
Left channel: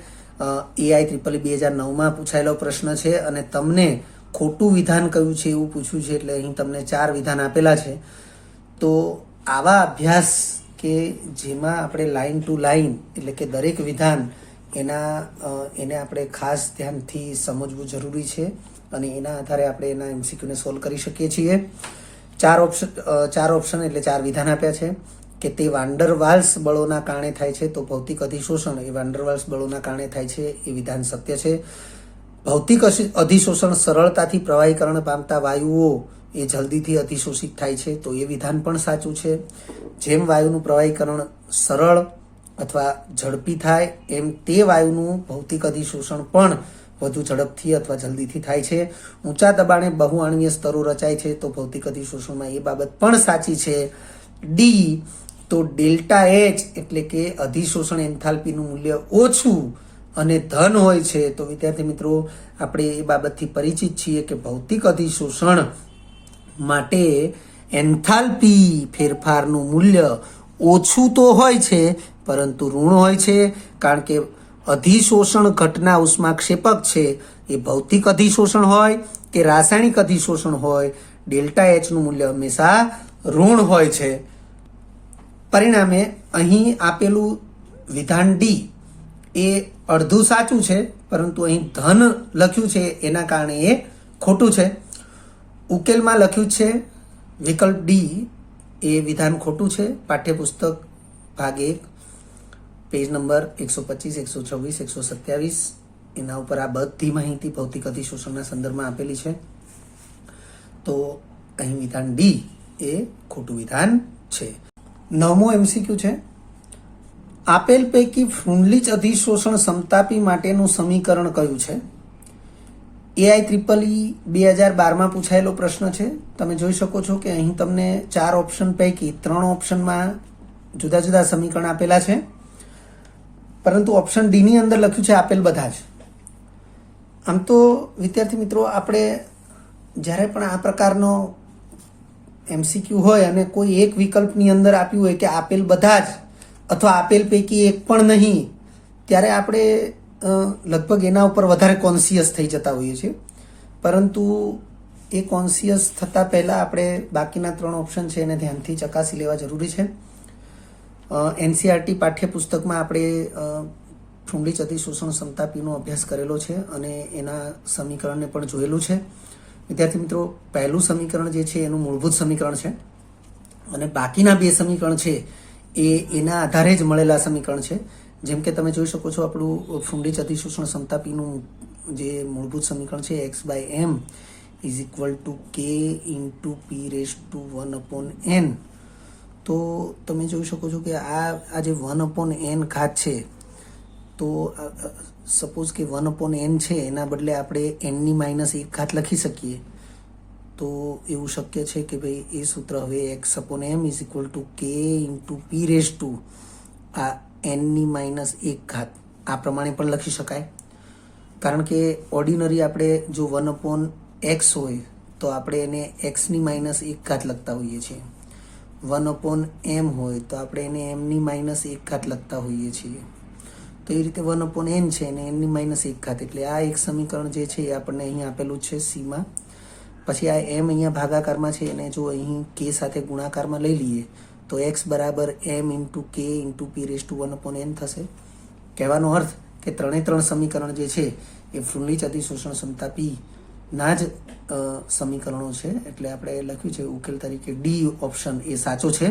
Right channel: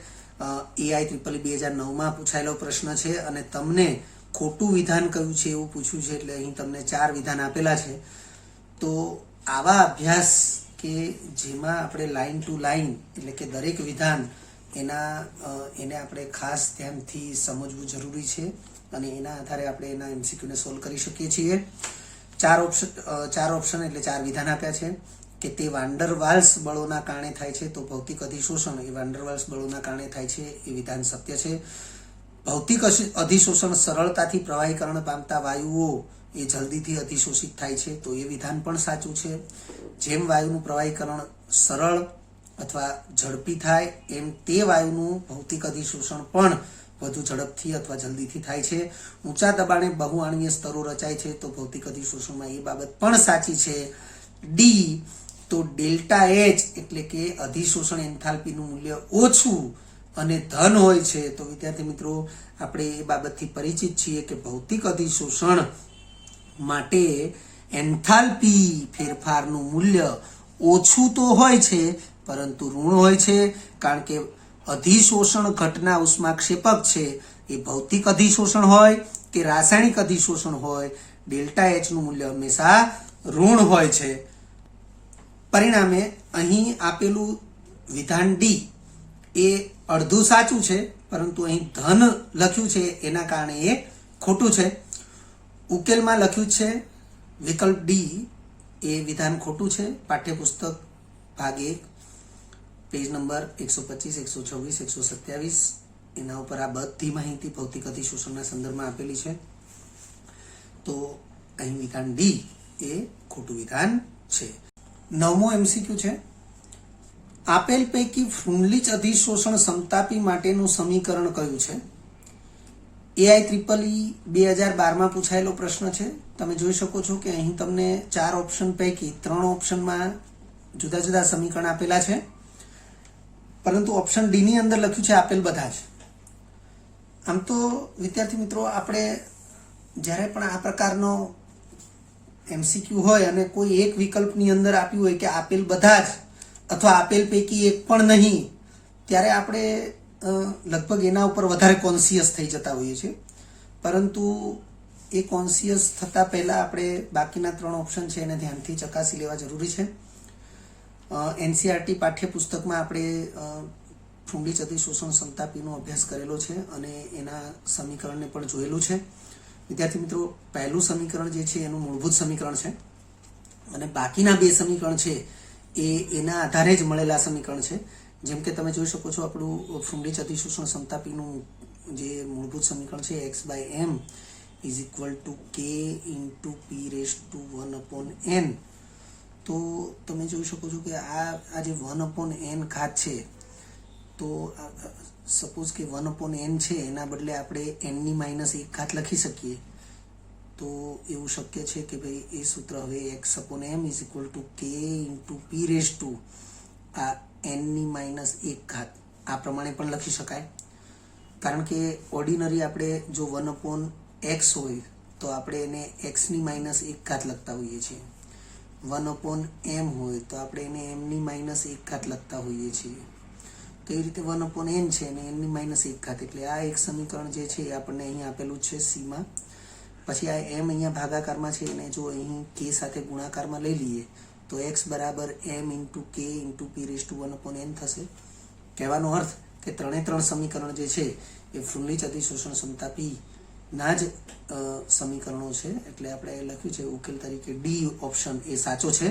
AIEEE 2009માં પૂછાયેલો પ્રશ્ન છે અને તમને ખોટું વિધાન કયું છે એવું પૂછ્યું છે. એટલે અહીં તમને 4 વિધાન આપેલા છે. તો આવા અભ્યાસ કે જેમાં આપણે લાઈન ટુ લાઈન એટલે કે દરેક વિધાન એને આપણે ખાસ ધ્યાનથી સમજવું જરૂરી છે અને એના આધારે આપણે એના MCQને સોલ્વ કરી શકીએ છીએ. 4 ઓપ્શન એટલે 4 વિધાન આપ્યા છે કે તે વાન્ડર વાલ્સ બળોના કારણે થાય છે. તો ભૌતિક અધિશોષણ એ વાન્ડર વાલ્સ બળોના કારણે થાય છે એ વિધાન સત્ય છે. ભૌતિક અધિશોષણ સરળતાથી પ્રવાહીકરણ પામતા વાયુઓ એ જલ્દીથી અધિશોષિત થાય છે. તો એ વિધાન પણ સાચું છે. જેમ વાયુનું પ્રવાહીકરણ સરળ અથવા ઝડપી થાય એમ તે વાયુનું ભૌતિક અધિશોષણ પણ વધુ ઝડપથી અથવા જલ્દીથી થાય છે. ઊંચા દબાણે બહુઆણ્વીય સ્તરો રચાય છે. તો ભૌતિક અધિશોષણમાં એ બાબત પણ સાચી છે. ડી તો ડેલ્ટા એચ એટલે કે અધિશોષણ એન્થાલ્પીનું મૂલ્ય ઓછું અને ધન હોય છે. તો વિદ્યાર્થી મિત્રો આપણે એ બાબતથી પરિચિત છીએ કે ભૌતિક અધિશોષણ માટે એન્થાલ્પી ફેરફારનું મૂલ્ય ઓછું તો હોય છે પરંતુ ઋણ હોય છે, કારણ કે અધિશોષણ ઘટના ઉષ્માક્ષેપક છે એ ભૌતિક અધિશોષણ હોય કે રાસાયણિક અધિશોષણ હોય, ડેલ્ટા એચ નું મૂલ્ય હંમેશા ઋણ હોય છે. પરિણામે અહીં આપેલું વિધાન ડી એ અડધું સાચું છે, પરંતુ અહીં ધન લખ્યું છે એના કારણે એ ખોટું છે. ઉકેલમાં લખ્યું છે વિકલ્પ ડી એ વિધાન ખોટું છે. પાઠ્યપુસ્તક ભાગ 1 પેજ નંબર 125, 126, 127 એના ઉપર આ બધી માહિતી ભૌતિક અધિશોષણના સંદર્ભમાં આપેલી છે. તો અહીં વિધાન ડી એ ખોટું વિધાન છે. 9મો MCQ છે, આપેલ પૈકી ફ્રુન્લીચ અધિશોષણ સમતાપી માટેનું સમીકરણ કયું છે? AIEEE 2012માં પૂછાયેલો પ્રશ્ન છે. તમે જોઈ શકો છો કે અહીં તમને 4 ઓપ્શન પૈકી 3 ઓપ્શનમાં જુદા જુદા સમીકરણ આપેલા છે, પરંતુ ઓપ્શન ડી ની અંદર લખ્યું છે આપેલ બધા જ. આમ તો વિદ્યાર્થી મિત્રો, આપણે જ્યારે પણ આ પ્રકારનો MCQ હોય અને કોઈ એક વિકલ્પની અંદર આપ્યું હોય કે આપેલ બધા જ અથવા આપેલ પૈકી એક પણ નહીં, ત્યારે આપણે લગભગ એના ઉપર વધારે કોન્શિયસ થઈ જતા હોઈએ છીએ. પરંતુ એ કોન્શિયસ થતાં પહેલાં આપણે બાકીના 3 ઓપ્શન છે એને ધ્યાનથી ચકાસી લેવા જરૂરી છે. NCERT પાઠ્યપુસ્તકમાં આપણે ફ્રુન્લીચ અધિશોષણ સમતાપીનો અભ્યાસ કરેલો છે અને એના સમીકરણને પણ જોયેલું છે. વિદ્યાર્થી મિત્રો, પહેલું સમીકરણ જે છે એનું મૂળભૂત સમીકરણ છે અને બાકીના 2 સમીકરણ છે એ એના આધારે જ મળેલા સમીકરણ છે. જેમ કે તમે જોઈ શકો છો, આપણું ફ્રુન્લીચ અધિશોષણ સમતાપીનું જે મૂળભૂત સમીકરણ છે x/m = k × p⁴ તો તમે જોઈ શકો છો કે આ જે 1/n ઘાત છે, તો સપોઝ કે 1/n છે એના બદલે આપણે n-1 ઘાત લખી શકીએ. તો એવું શક્ય છે કે ભાઈ એ સૂત્ર હવે x/m = k × p⁴ આ n-1 ઘાત આ પ્રમાણે પણ લખી શકાય. કારણ કે ઓર્ડિનરી આપણે જો 1/x હોય તો આપણે એને x-1 ઘાત લખતા હોઈએ છીએ. 1/m હોય તો આપણે એને m-1 ઘાત લખતા હોઈએ છીએ. તો એ રીતે 1/n છે અને n-1 ઘાત, એટલે આ એક સમીકરણ જે છે એ આપણને અહીં આપેલું છે સીમાં. પછી આ m અહીંયા ભાગાકારમાં છે, એને જો અહીં k સાથે ગુણાકારમાં લઈ લઈએ તો x = m × k × p⁴ થશે. કહેવાનો અર્થ કે 3 સમીકરણ જે છે એ ફ્રુન્લીચ અધિશોષણ સમતાપીના જ સમીકરણો છે. એટલે આપણે લખ્યું છે ઉકેલ તરીકે ડી ઓપ્શન એ સાચો છે.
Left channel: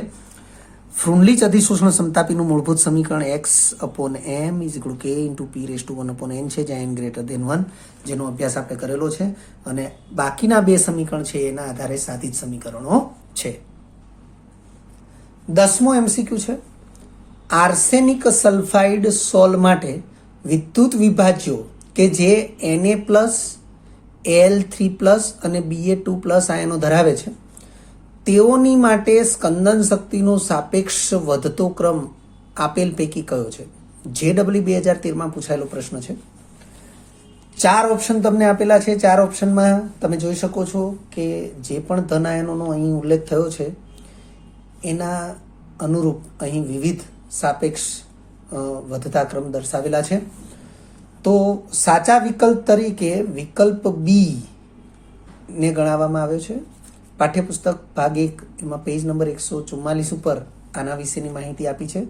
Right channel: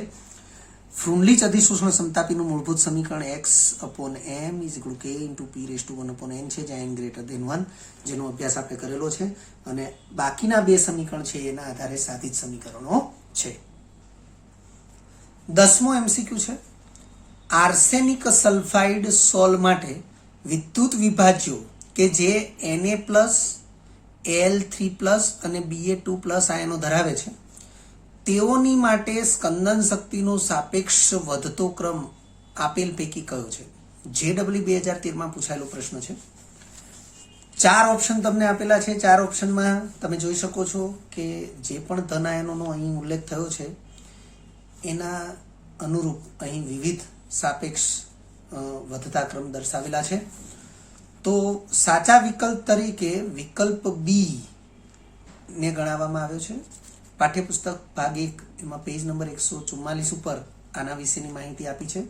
ફ્રુન્લીચ અધિશોષણ સમતાપીનું મૂળભૂત સમીકરણ x/m = k × p⁴ છે, જ્યાં n greater than 1, જેનો અભ્યાસ આપણે કરેલો છે. અને બાકીના 2 સમીકરણ છે એના આધારે સાધિત સમીકરણો છે. 10મો MCQ છે, આર્સેનિક સલ્ફાઇડ સોલ માટે વિદ્યુત વિભાજ્યો કે જે Na+, Al3+ અને Ba2+ આયનો ધરાવે છે, તેઓની માટે સ્કંદન શક્તિનો સાપેક્ષ વધતો ક્રમ આપેલ પૈકી કયો છે? JEE 2013માં પૂછાયેલો પ્રશ્ન છે. 4 ઓપ્શન તમને આપેલા છે. 4 ઓપ્શનમાં તમે જોઈ શકો છો કે જે પણ ધન આયનોનો અહીં ઉલ્લેખ થયો છે એના અનુરૂપ અહીં વિવિધ સાપેક્ષ વધતા ક્રમ દર્શાવેલા છે. તો સાચા વિકલ્પ તરીકે વિકલ્પ બી ને ગણાવવામાં આવ્યો છે. પાઠ્યપુસ્તક ભાગ 1 એમાં પેજ નંબર 144 ઉપર આના વિશેની માહિતી આપી છે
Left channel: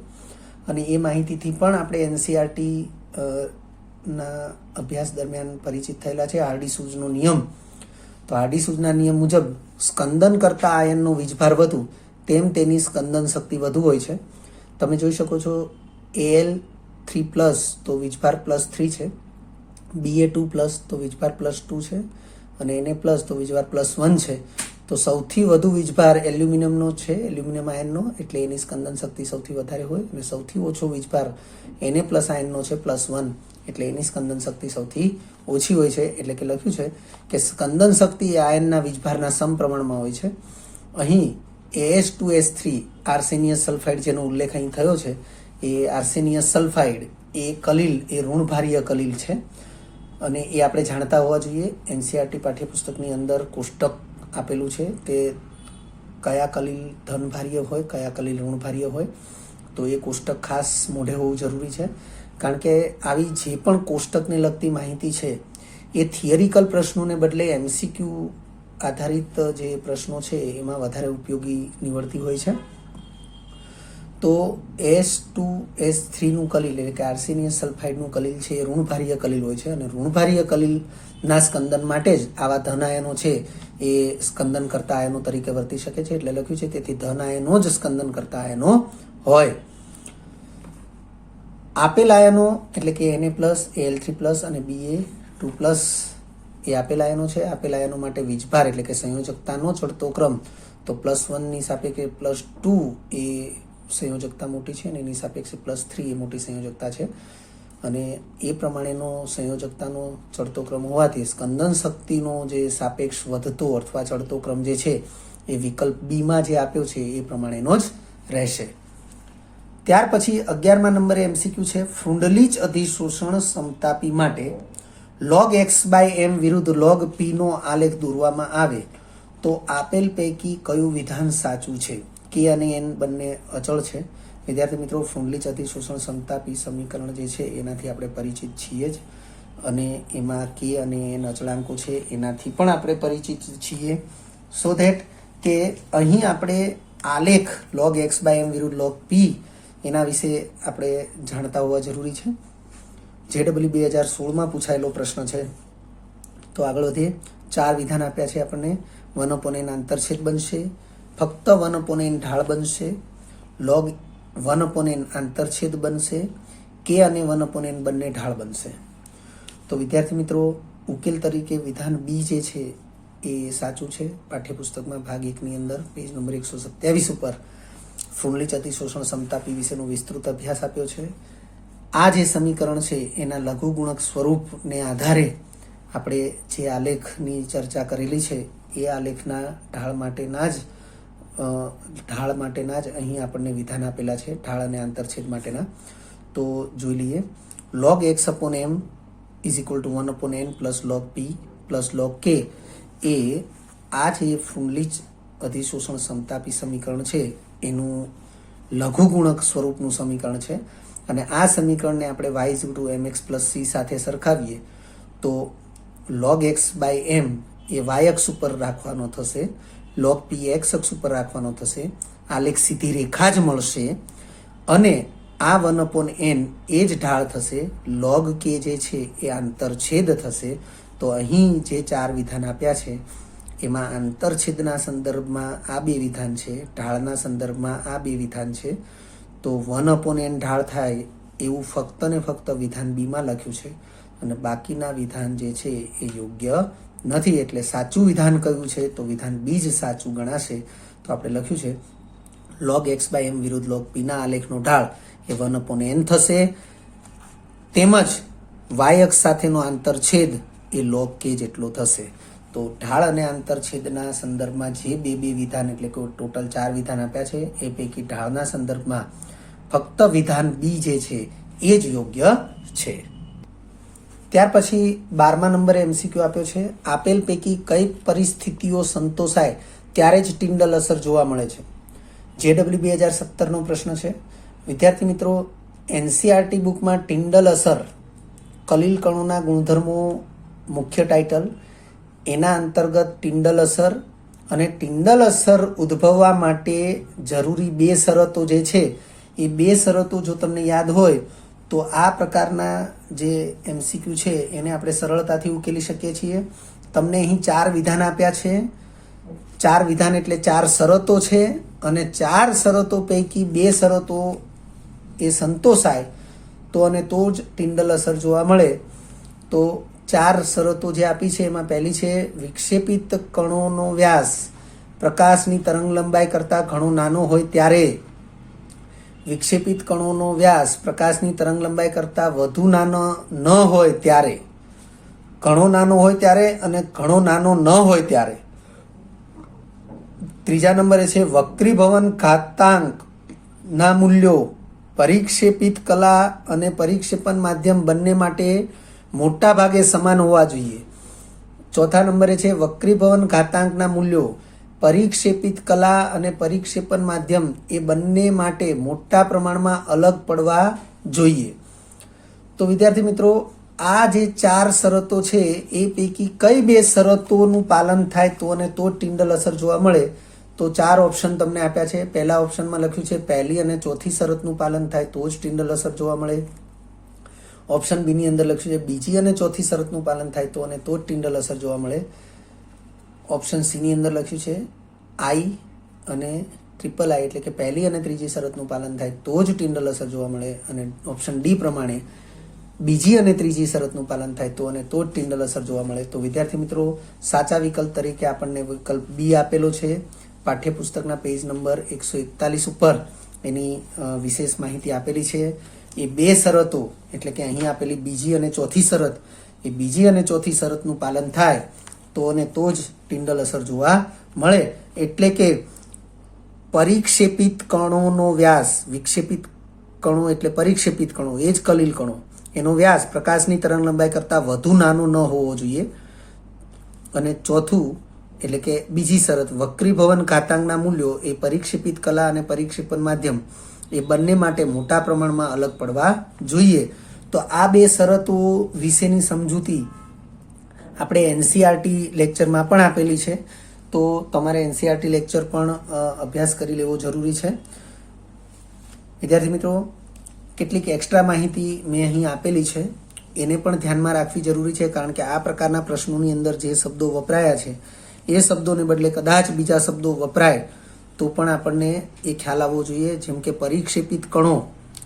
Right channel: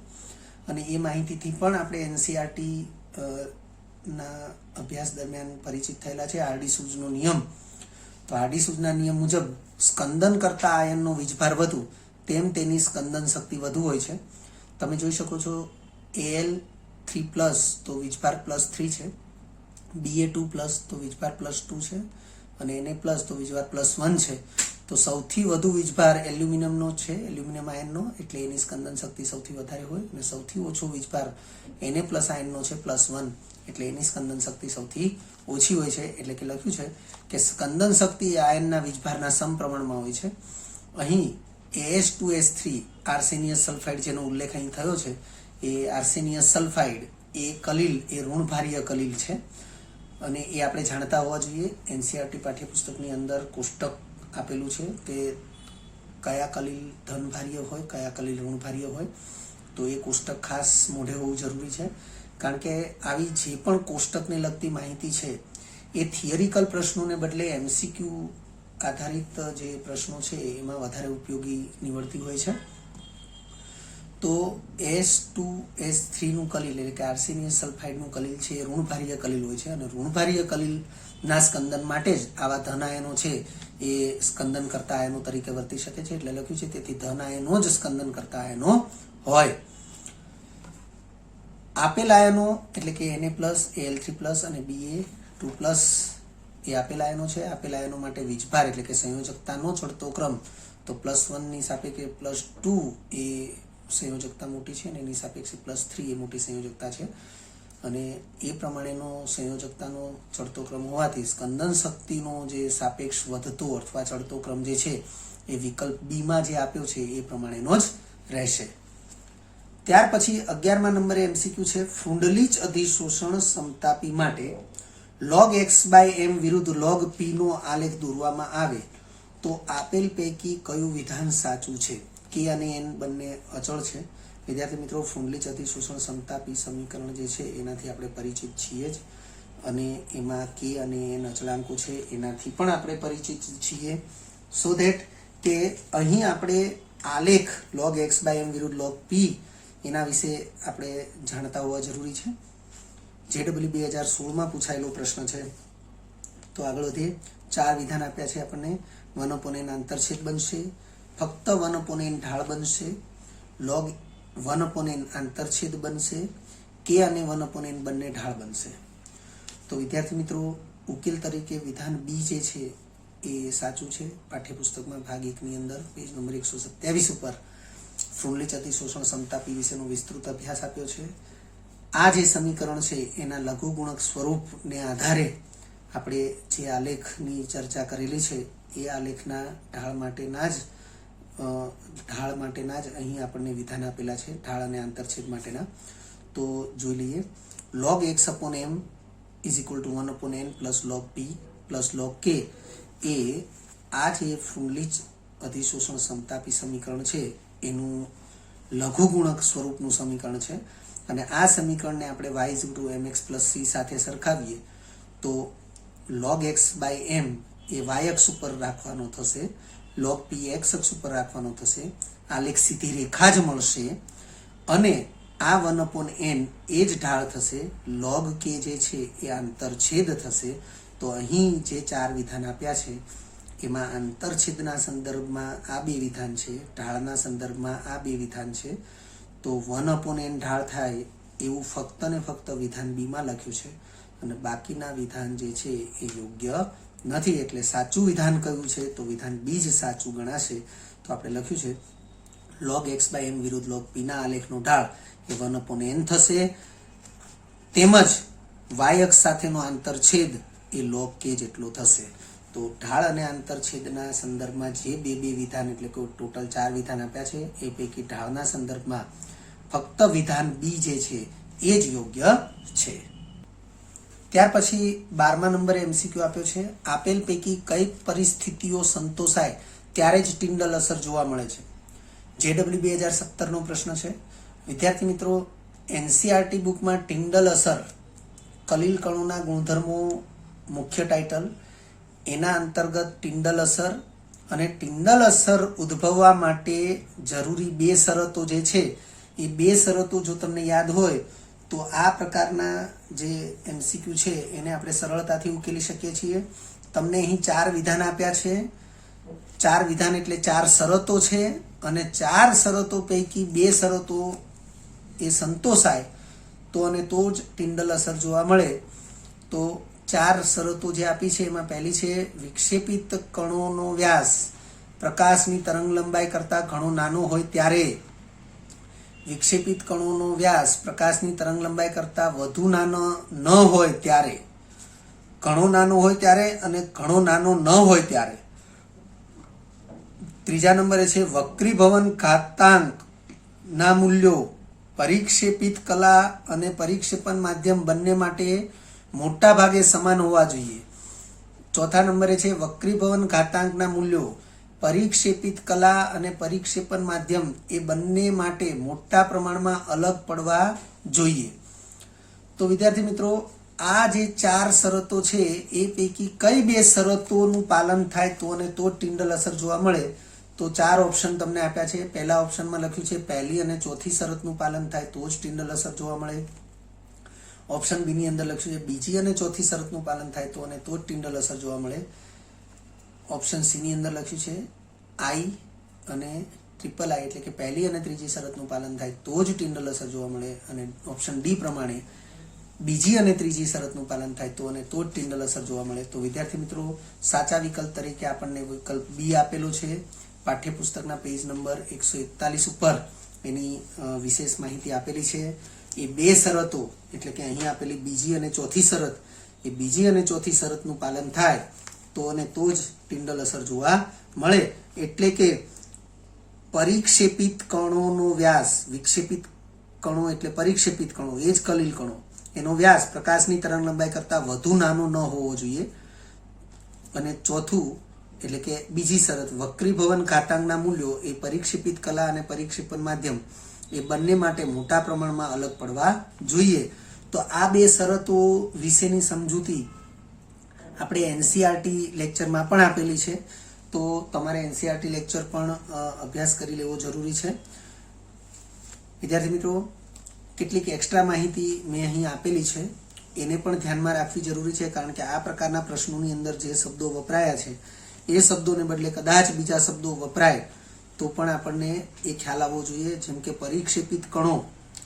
અને એ માહિતીથી પણ આપણે NCERT ના અભ્યાસ દરમિયાન પરિચિત થયેલા છે. હાર્ડી-સૂઝનો નિયમ, તો હાર્ડી-સૂઝના નિયમ મુજબ સ્કંદન કરતા આયનનો વીજભાર વધુ તેમ તેની સ્કંદન શક્તિ વધુ હોય છે. તમે જોઈ શકો છો Al3+ તો વીજભાર +3 છે, Ba2+ તો વીજભાર +2 છે અને Na+ તો વીજભાર +1 છે. તો સૌથી વધુ વીજભાર એલ્યુમિનિયમનો છે, એલ્યુમિનિયમ આયનનો, એટલે એની સ્કંદન શક્તિ સૌથી વધારે હોય. અને સૌથી ઓછો વીજભાર Na+ આયનનો છે +1, એટલે એની સ્કંદન શક્તિ સૌથી ઓછી હોય છે. એટલે કે લખ્યું છે કે સ્કંદન શક્તિ આયનના વીજભારના સમપ્રમાણમાં હોય છે. અહીં As2S3 આર્સેનિયસ સલ્ફાઇડ જેનો ઉલ્લેખ અહીં થયો છે, એ આર્સેનિયસ સલ્ફાઇડ એ કલીલ, એ ઋણભારીય કલીલ છે અને એ આપણે જાણતા હોવા જોઈએ. NCERT પાઠ્યપુસ્તકની અંદર કોષ્ટક આપેલું છે તે કયા કલીલ ધનભારીય હોય, કયા કલીલ ઋણભારીય હોય. તો એ કોષ્ટક ખાસ મોઢે હોવું જરૂરી છે, કારણ કે આવી જે પણ કોષ્ટકને લગતી માહિતી છે એ થિયરિકલ પ્રશ્નોને બદલે MCQ આધારિત જે પ્રશ્નો છે એમાં વધારે ઉપયોગી નીવડતી હોય છે. તો S2S3નું કલીલ એટલે કે આર્સેનિયસ સલ્ફાઇડનું કલીલ છે એ ઋણભારીય કલીલ હોય છે, અને ઋણભારીય કલીલના સ્કંદન માટે જ આવા ધન આયનો છે એ સ્કંદન કરતા આયનો તરીકે વર્તી શકે છે. એટલે લખ્યું છે તેથી ધન આયનો જ સ્કંદન કરતા આયનો હોય. આપેલ આયનો એટલે કે Na+, Al3+ અને Ba2+ એ આપેલ આયનો છે. આપેલ આયનો માટે વીજભાર એટલે કે સંયોજકતાનો ચડતો ક્રમ તો +1 ની સાપેક્ષે +2 એ સંયોજકતા મોટી છે, અને એની સાપેક્ષે +3 એ મોટી સંયોજકતા છે, અને એ પ્રમાણેનો સંયોજકતાનો ચડતો ક્રમ હોવાથી સ્કંદન શક્તિનો જે સાપેક્ષ વધતો અથવા ચડતો ક્રમ જે છે એ વિકલ્પ બીમાં જે આપ્યો છે એ પ્રમાણેનો જ રહેશે. ત્યાર પછી 11મા નંબરે MCQ છે ફ્રુન્ડલીચ અધિશોષણ સમતાપી માટે log x/m વિરુદ્ધ log p નો આલેખ દોરવામાં આવે તો આપેલ પૈકી કયું વિધાન સાચું છે? k અને n બંને અચળ છે. વિદ્યાર્થી મિત્રો, ફ્રુન્ડલીચ અધિશોષણ સમતાપી સમીકરણ જે છે એનાથી આપણે પરિચિત છીએ જ, અને એમાં k અને n અચળાંકો છે એનાથી પણ આપણે પરિચિત છીએ. સો ધેટ કે અહીં આપણે આલેખ log x/m વિરુદ્ધ log p એના વિશે આપણે જાણતા હોવા જરૂરી છે. JEE 2016માં પૂછાયેલો પ્રશ્ન છે. તો આગળ વધીએ. 4 વિધાન આપ્યા છે આપણને. 1/n આંતરછેદ બનશે, ફક્ત 1/n ઢાળ બનશે, log 1/n આંતરછેદ બનશે, k અને 1/n બંને ઢાળ બનશે. તો વિદ્યાર્થી મિત્રો, ઉકેલ તરીકે વિધાન બી જે છે એ સાચું છે. પાઠ્યપુસ્તકમાં ભાગ 1ની અંદર પેજ નંબર 127 ઉપર ફ્રુન્ડલીચ અધિશોષણ સમતાપી વિશેનો વિસ્તૃત અભ્યાસ આપ્યો છે. આ જે સમીકરણ છે એના લઘુગુણક સ્વરૂપને આધારે આપણે જે આલેખની ચર્ચા કરેલી છે એ આલેખના ઢાળ માટેના જ અહીં આપણને વિધાન આપેલા છે, ઢાળ અને આંતરછેદ માટેના. તો જોઈ લઈએ. log x/m = 1/n + log p + log k એ આ જે ફ્રુન્ડલીચ અધિશોષણ સમતાપી સમીકરણ છે એનું લઘુગુણક સ્વરૂપનું સમીકરણ છે, અને આ સમીકરણને આપણે y = mx + c સાથે સરખાવીએ તો log x/m એ y અક્ષ ઉપર રાખવાનો થશે, log p x અક્ષ ઉપર રાખવાનો થશે, આલેખ સીધી રેખા જ મળશે, અને આ 1/n એ જ ઢાળ થશે, log k જે છે એ આંતરછેદ થશે. તો અહીં જે 4 વિધાન આપ્યા છે એમાં આંતરછેદના સંદર્ભમાં આ 2 વિધાન છે, ઢાળના સંદર્ભમાં આ 2 વિધાન છે. તો 1/n ઢાળ થાય એવું ફક્ત ને ફક્ત વિધાન બીમાં લખ્યું છે, અને બાકીના વિધાન જે છે એ યોગ્ય નથી. એટલે સાચું વિધાન કયું છે? તો વિધાન બી જ સાચું ગણાશે. તો આપણે લખ્યું છે log x/m વિરુદ્ધ log p ના આલેખનો ઢાળ એ 1/n થશે, તેમજ y અક્ષ સાથેનો આંતરછેદ એ log k જેટલો થશે. તો ઢાળ અને આંતરછેદના સંદર્ભમાં જે બે વિધાન એટલે કે ટોટલ 4 વિધાન આપ્યા છે એ પૈકી ઢાળના સંદર્ભમાં ફક્ત વિધાન બી જે છે એ જ યોગ્ય છે. ત્યાર પછી 12મા નંબરે MCQ આપ્યો છે આપેલ પૈકી કઈ પરિસ્થિતિઓ સંતોષાય ત્યારે જ ટિન્ડલ અસર જોવા મળે છે? JEE 2017નો પ્રશ્ન છે. વિદ્યાર્થી મિત્રો, NCERT બુકમાં ટિન્ડલ અસર કલીલ કણોના ગુણધર્મો મુખ્ય ટાઇટલ, એના અંતર્ગત ટિન્ડલ અસર અને ટિન્ડલ અસર ઉદ્ભવવા માટે જરૂરી 2 શરતો જે છે એ 2 શરતો જો તમને યાદ હોય તો આ પ્રકારના જે MCQ છે એને આપણે સરળતાથી ઉકેલી શકીએ છીએ. તમને અહીં 4 વિધાન આપ્યા છે. 4 વિધાન એટલે 4 શરતો છે, અને 4 શરતો પૈકી 2 શરતો એ સંતોષાય તો અને તો જ ટિન્ડલ અસર જોવા મળે. તો 4 શરતો જે આપી છે એમાં પહેલી છે વિક્ષેપિત કણોનો વ્યાસ પ્રકાશની તરંગ લંબાઈ કરતાં ઘણો નાનો હોય ત્યારે, વિક્ષેપિત કણોનો વ્યાસ પ્રકાશની તરંગ લંબાઈ કરતાં વધુ નાનો ન હોય ત્યારે, ઘણો નાનો હોય ત્યારે અને ઘણો નાનો ન હોય ત્યારે. ત્રીજા નંબરે છે વક્રીભવન ઘાતાંક ના મૂલ્યો પરિક્ષેપિત કલા અને પરિક્ષેપણ માધ્યમ બંને માટે મોટા ભાગે સમાન હોવા જોઈએ. ચોથા નંબરે છે વક્રીભવન ઘાતાંકના મૂલ્યો પરિક્ષેપિત કલા અને પરિક્ષેપણ માધ્યમ એ બંને માટે મોટા પ્રમાણમાં અલગ પડવા જોઈએ. તો વિદ્યાર્થી મિત્રો, આ જે 4 શરતો છે એ પૈકી કઈ 2 શરતોનું પાલન થાય તો અને તો ટિન્ડલ અસર જોવા મળે, તો 4 ઓપ્શન તમને આપ્યા છે. પહેલા ઓપ્શનમાં લખ્યું છે પહેલી અને ચોથી શરતનું પાલન થાય તો જ ટિન્ડલ અસર જોવા મળે. ઓપ્શન બી ની અંદર લખ્યું છે બીજી અને ચોથી શરતનું પાલન થાય તો અને તો જ ટિન્ડલ અસર જોવા મળે. ઓપ્શન સી ની અંદર લખ્યું છે આઈ અને ટ્રિપલ આઈ એટલે કે પહેલી અને ત્રીજી શરતનું પાલન થાય તો જ ટિન્ડલ અસર જોવા મળે. અને ઓપ્શન ડી પ્રમાણે બીજી અને ત્રીજી શરતનું પાલન થાય તો અને તો જ ટિન્ડલ અસર જોવા મળે. તો વિદ્યાર્થી મિત્રો, સાચા વિકલ્પ તરીકે આપણને વિકલ્પ બી આપેલો છે. પાઠ્યપુસ્તકના પેજ નંબર 141 ઉપર એની વિશેષ માહિતી આપેલી છે. એ 2 શરતો એટલે કે અહીં આપેલી બીજી અને ચોથી શરત, એ બીજી અને ચોથી શરતનું પાલન થાય તો અને તો જ ટિન્ડલ અસર જોવા મળે. એટલે કે પરિક્ષેપિત કણોનો વ્યાસ, વિક્ષેપિત કણો એટલે પરિક્ષેપિત કણો, એ જ કલીલ કણો, એનો વ્યાસ પ્રકાશની તરંગ લંબાઈ કરતાં વધુ નાનો ન હોવો જોઈએ. અને ચોથું એટલે કે બીજી શરત, વક્રીભવન ઘાતાંકના મૂલ્યો એ પરિક્ષેપિત કલા અને પરિક્ષેપણ માધ્યમ એ બંને માટે મોટા પ્રમાણમાં અલગ પડવા જોઈએ. તો આ 2 શરતો વિશેની સમજૂતી આપણે એનસીઆરટી લેક્ચરમાં પણ આપેલી છે. તો તમારે એનસીઆરટી લેક્ચર પણ અભ્યાસ કરી લેવો જરૂરી છે. વિદ્યાર્થી મિત્રો, કેટલીક એક્સ્ટ્રા માહિતી મેં અહીં આપેલી છે, એને પણ ધ્યાનમાં રાખવી જરૂરી છે. કારણ કે આ પ્રકારના પ્રશ્નોની અંદર જે શબ્દો વપરાયા છે એ શબ્દોને બદલે કદાચ બીજા શબ્દો વપરાય તો પણ આપણને એ ખ્યાલ આવવો જોઈએ. જેમ કે પરિક્ષેપિત કણો,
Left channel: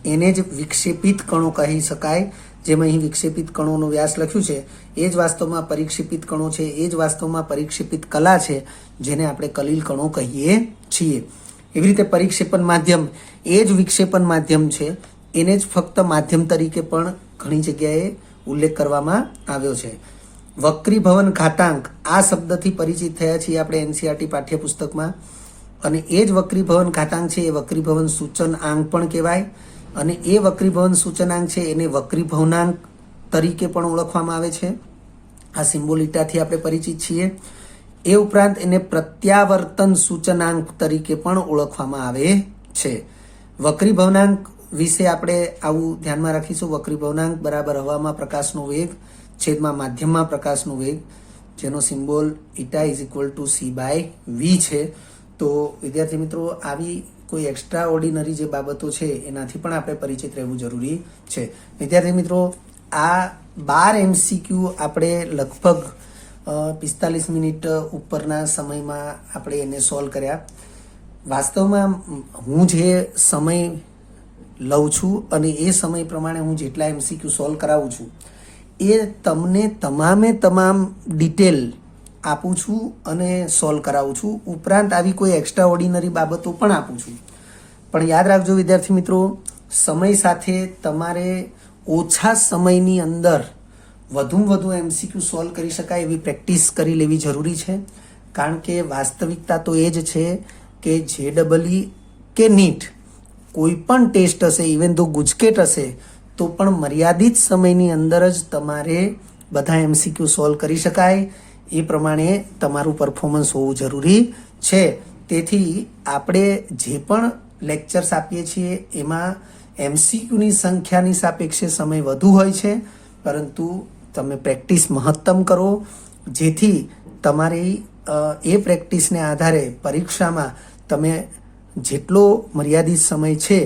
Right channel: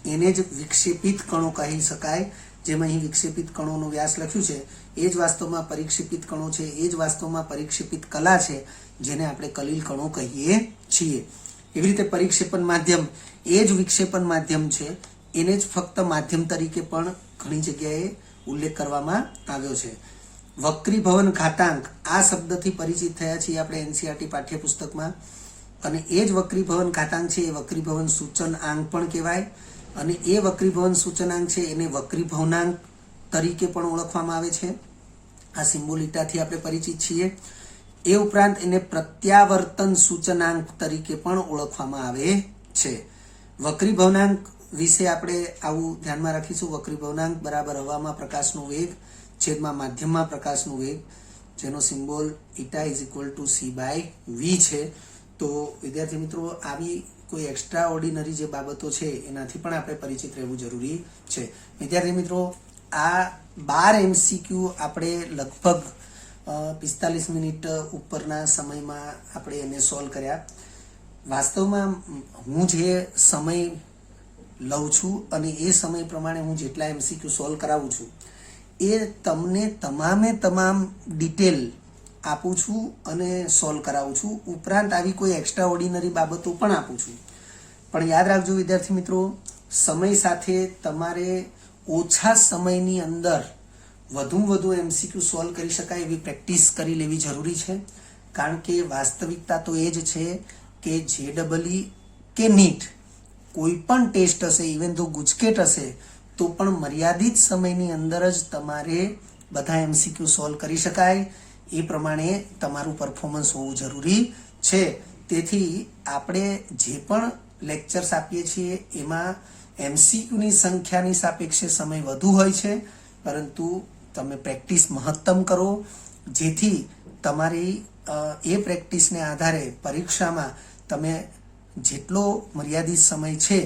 એને જ વિક્ષેપિત કણો કહી શકાય. જેમ અહીં વિક્ષેપિત કણોનો વ્યાસ લખ્યું છે એ જ વાસ્તવમાં પરિક્ષેપિત કણો છે, એ જ વાસ્તવમાં પરિક્ષેપિત કલા છે, જેને આપણે કલીલ કણો કહીએ છીએ. એવી રીતે પરિક્ષેપણ માધ્યમ એ જ વિક્ષેપણ માધ્યમ છે, એને જ ફક્ત માધ્યમ તરીકે પણ ઘણી જગ્યાએ ઉલ્લેખ કરવામાં આવ્યો છે. વક્રીભવન ઘાતાંક, આ શબ્દથી પરિચિત થયા છીએ આપણે એનસીઆરટી પાઠ્યપુસ્તકમાં. અને એ જ વક્રીભવન ઘાતાંક છે એ વક્રીભવન સૂચનાંક પણ કહેવાય. અને એ વક્રીભવન સૂચનાંક છે એને વક્રીભવનાંક તરીકે પણ ઓળખવામાં આવે છે. આ સિમ્બોલ ઈટાથી આપણે પરિચિત છીએ. એ ઉપરાંત એને પ્રત્યાવર્તન સૂચનાંક તરીકે પણ ઓળખવામાં આવે છે. વક્રીભવનાંક વિશે આપણે આવું ધ્યાનમાં રાખીશું. વક્રીભવનાંક બરાબર હવામાં પ્રકાશનો વેગ છેદમાં માધ્યમમાં પ્રકાશનો વેગ, જેનો સિમ્બોલ ઈટા = c/v છે. તો વિદ્યાર્થી મિત્રો, આવી કોઈ એક્સ્ટ્રા ઓર્ડિનરી જે બાબતો છે એનાથી પણ આપણે પરિચિત રહેવું જરૂરી છે. વિદ્યાર્થી મિત્રો, આ 12 MCQ આપણે લગભગ 45 મિનિટ ઉપરના સમયમાં આપણે એને સોલ્વ કર્યા. વાસ્તવમાં હું જે સમય લઉં છું અને એ સમય પ્રમાણે હું જેટલા MCQ સોલ્વ કરાવું છું એ તમને તમામ ડિટેલ આપું છું અને સોલ્વ કરાવું છું. ઉપરાંત આવી કોઈ એક્સ્ટ્રા ઓર્ડિનરી બાબતો પણ આપું છું. પણ યાદ રાખજો વિદ્યાર્થી મિત્રો, સમય સાથે તમારે ઓછા સમયની અંદર વધુમાં વધુ MCQ સોલ્વ કરી શકાય એવી પ્રેક્ટિસ કરી લેવી જરૂરી છે. કારણ કે વાસ્તવિકતા તો એ જ છે કે JEE કે NEET કોઈ પણ ટેસ્ટ હશે, ઇવન તો ગુજકેટ હશે, તો પણ મર્યાદિત સમયની અંદર જ તમારે બધા MCQ સોલ્વ કરી શકાય. એ પ્રમાણે તમારું પરફોર્મન્સ હોવું જરૂરી છે. તેથી આપણે જે પણ લેક્ચર્સ આપીએ છીએ એમાં MCQની સંખ્યાની સાપેક્ષે સમય વધુ હોય છે, પરંતુ તમે પ્રેક્ટિસ મહત્તમ કરો, જેથી તમારી એ પ્રેક્ટિસને આધારે પરીક્ષામાં તમે જેટલો મર્યાદિત સમય છે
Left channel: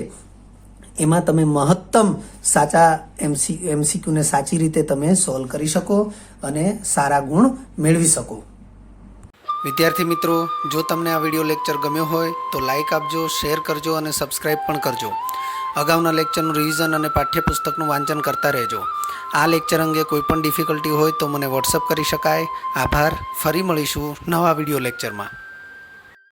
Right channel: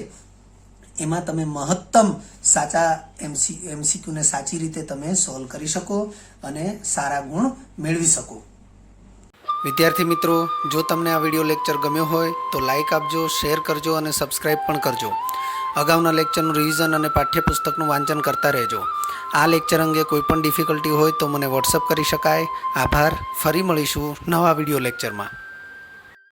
એમાં તમે મહત્તમ સાચા MCQને સાચી રીતે તમે સોલ્વ કરી શકો અને સારા ગુણ મેળવી શકો. વિદ્યાર્થી મિત્રો, જો તમને આ વિડીયો લેક્ચર ગમ્યો હોય તો લાઇક આપજો, શેર કરજો અને સબસ્ક્રાઇબ પણ કરજો. અગાઉના લેક્ચરનું રિવિઝન અને પાઠ્યપુસ્તકનું વાંચન કરતા રહેજો. આ લેક્ચર અંગે કોઈ પણ ડિફિકલ્ટી હોય તો મને વોટ્સઅપ કરી શકાય. આભાર. ફરી મળીશું નવા વિડીયો લેક્ચરમાં.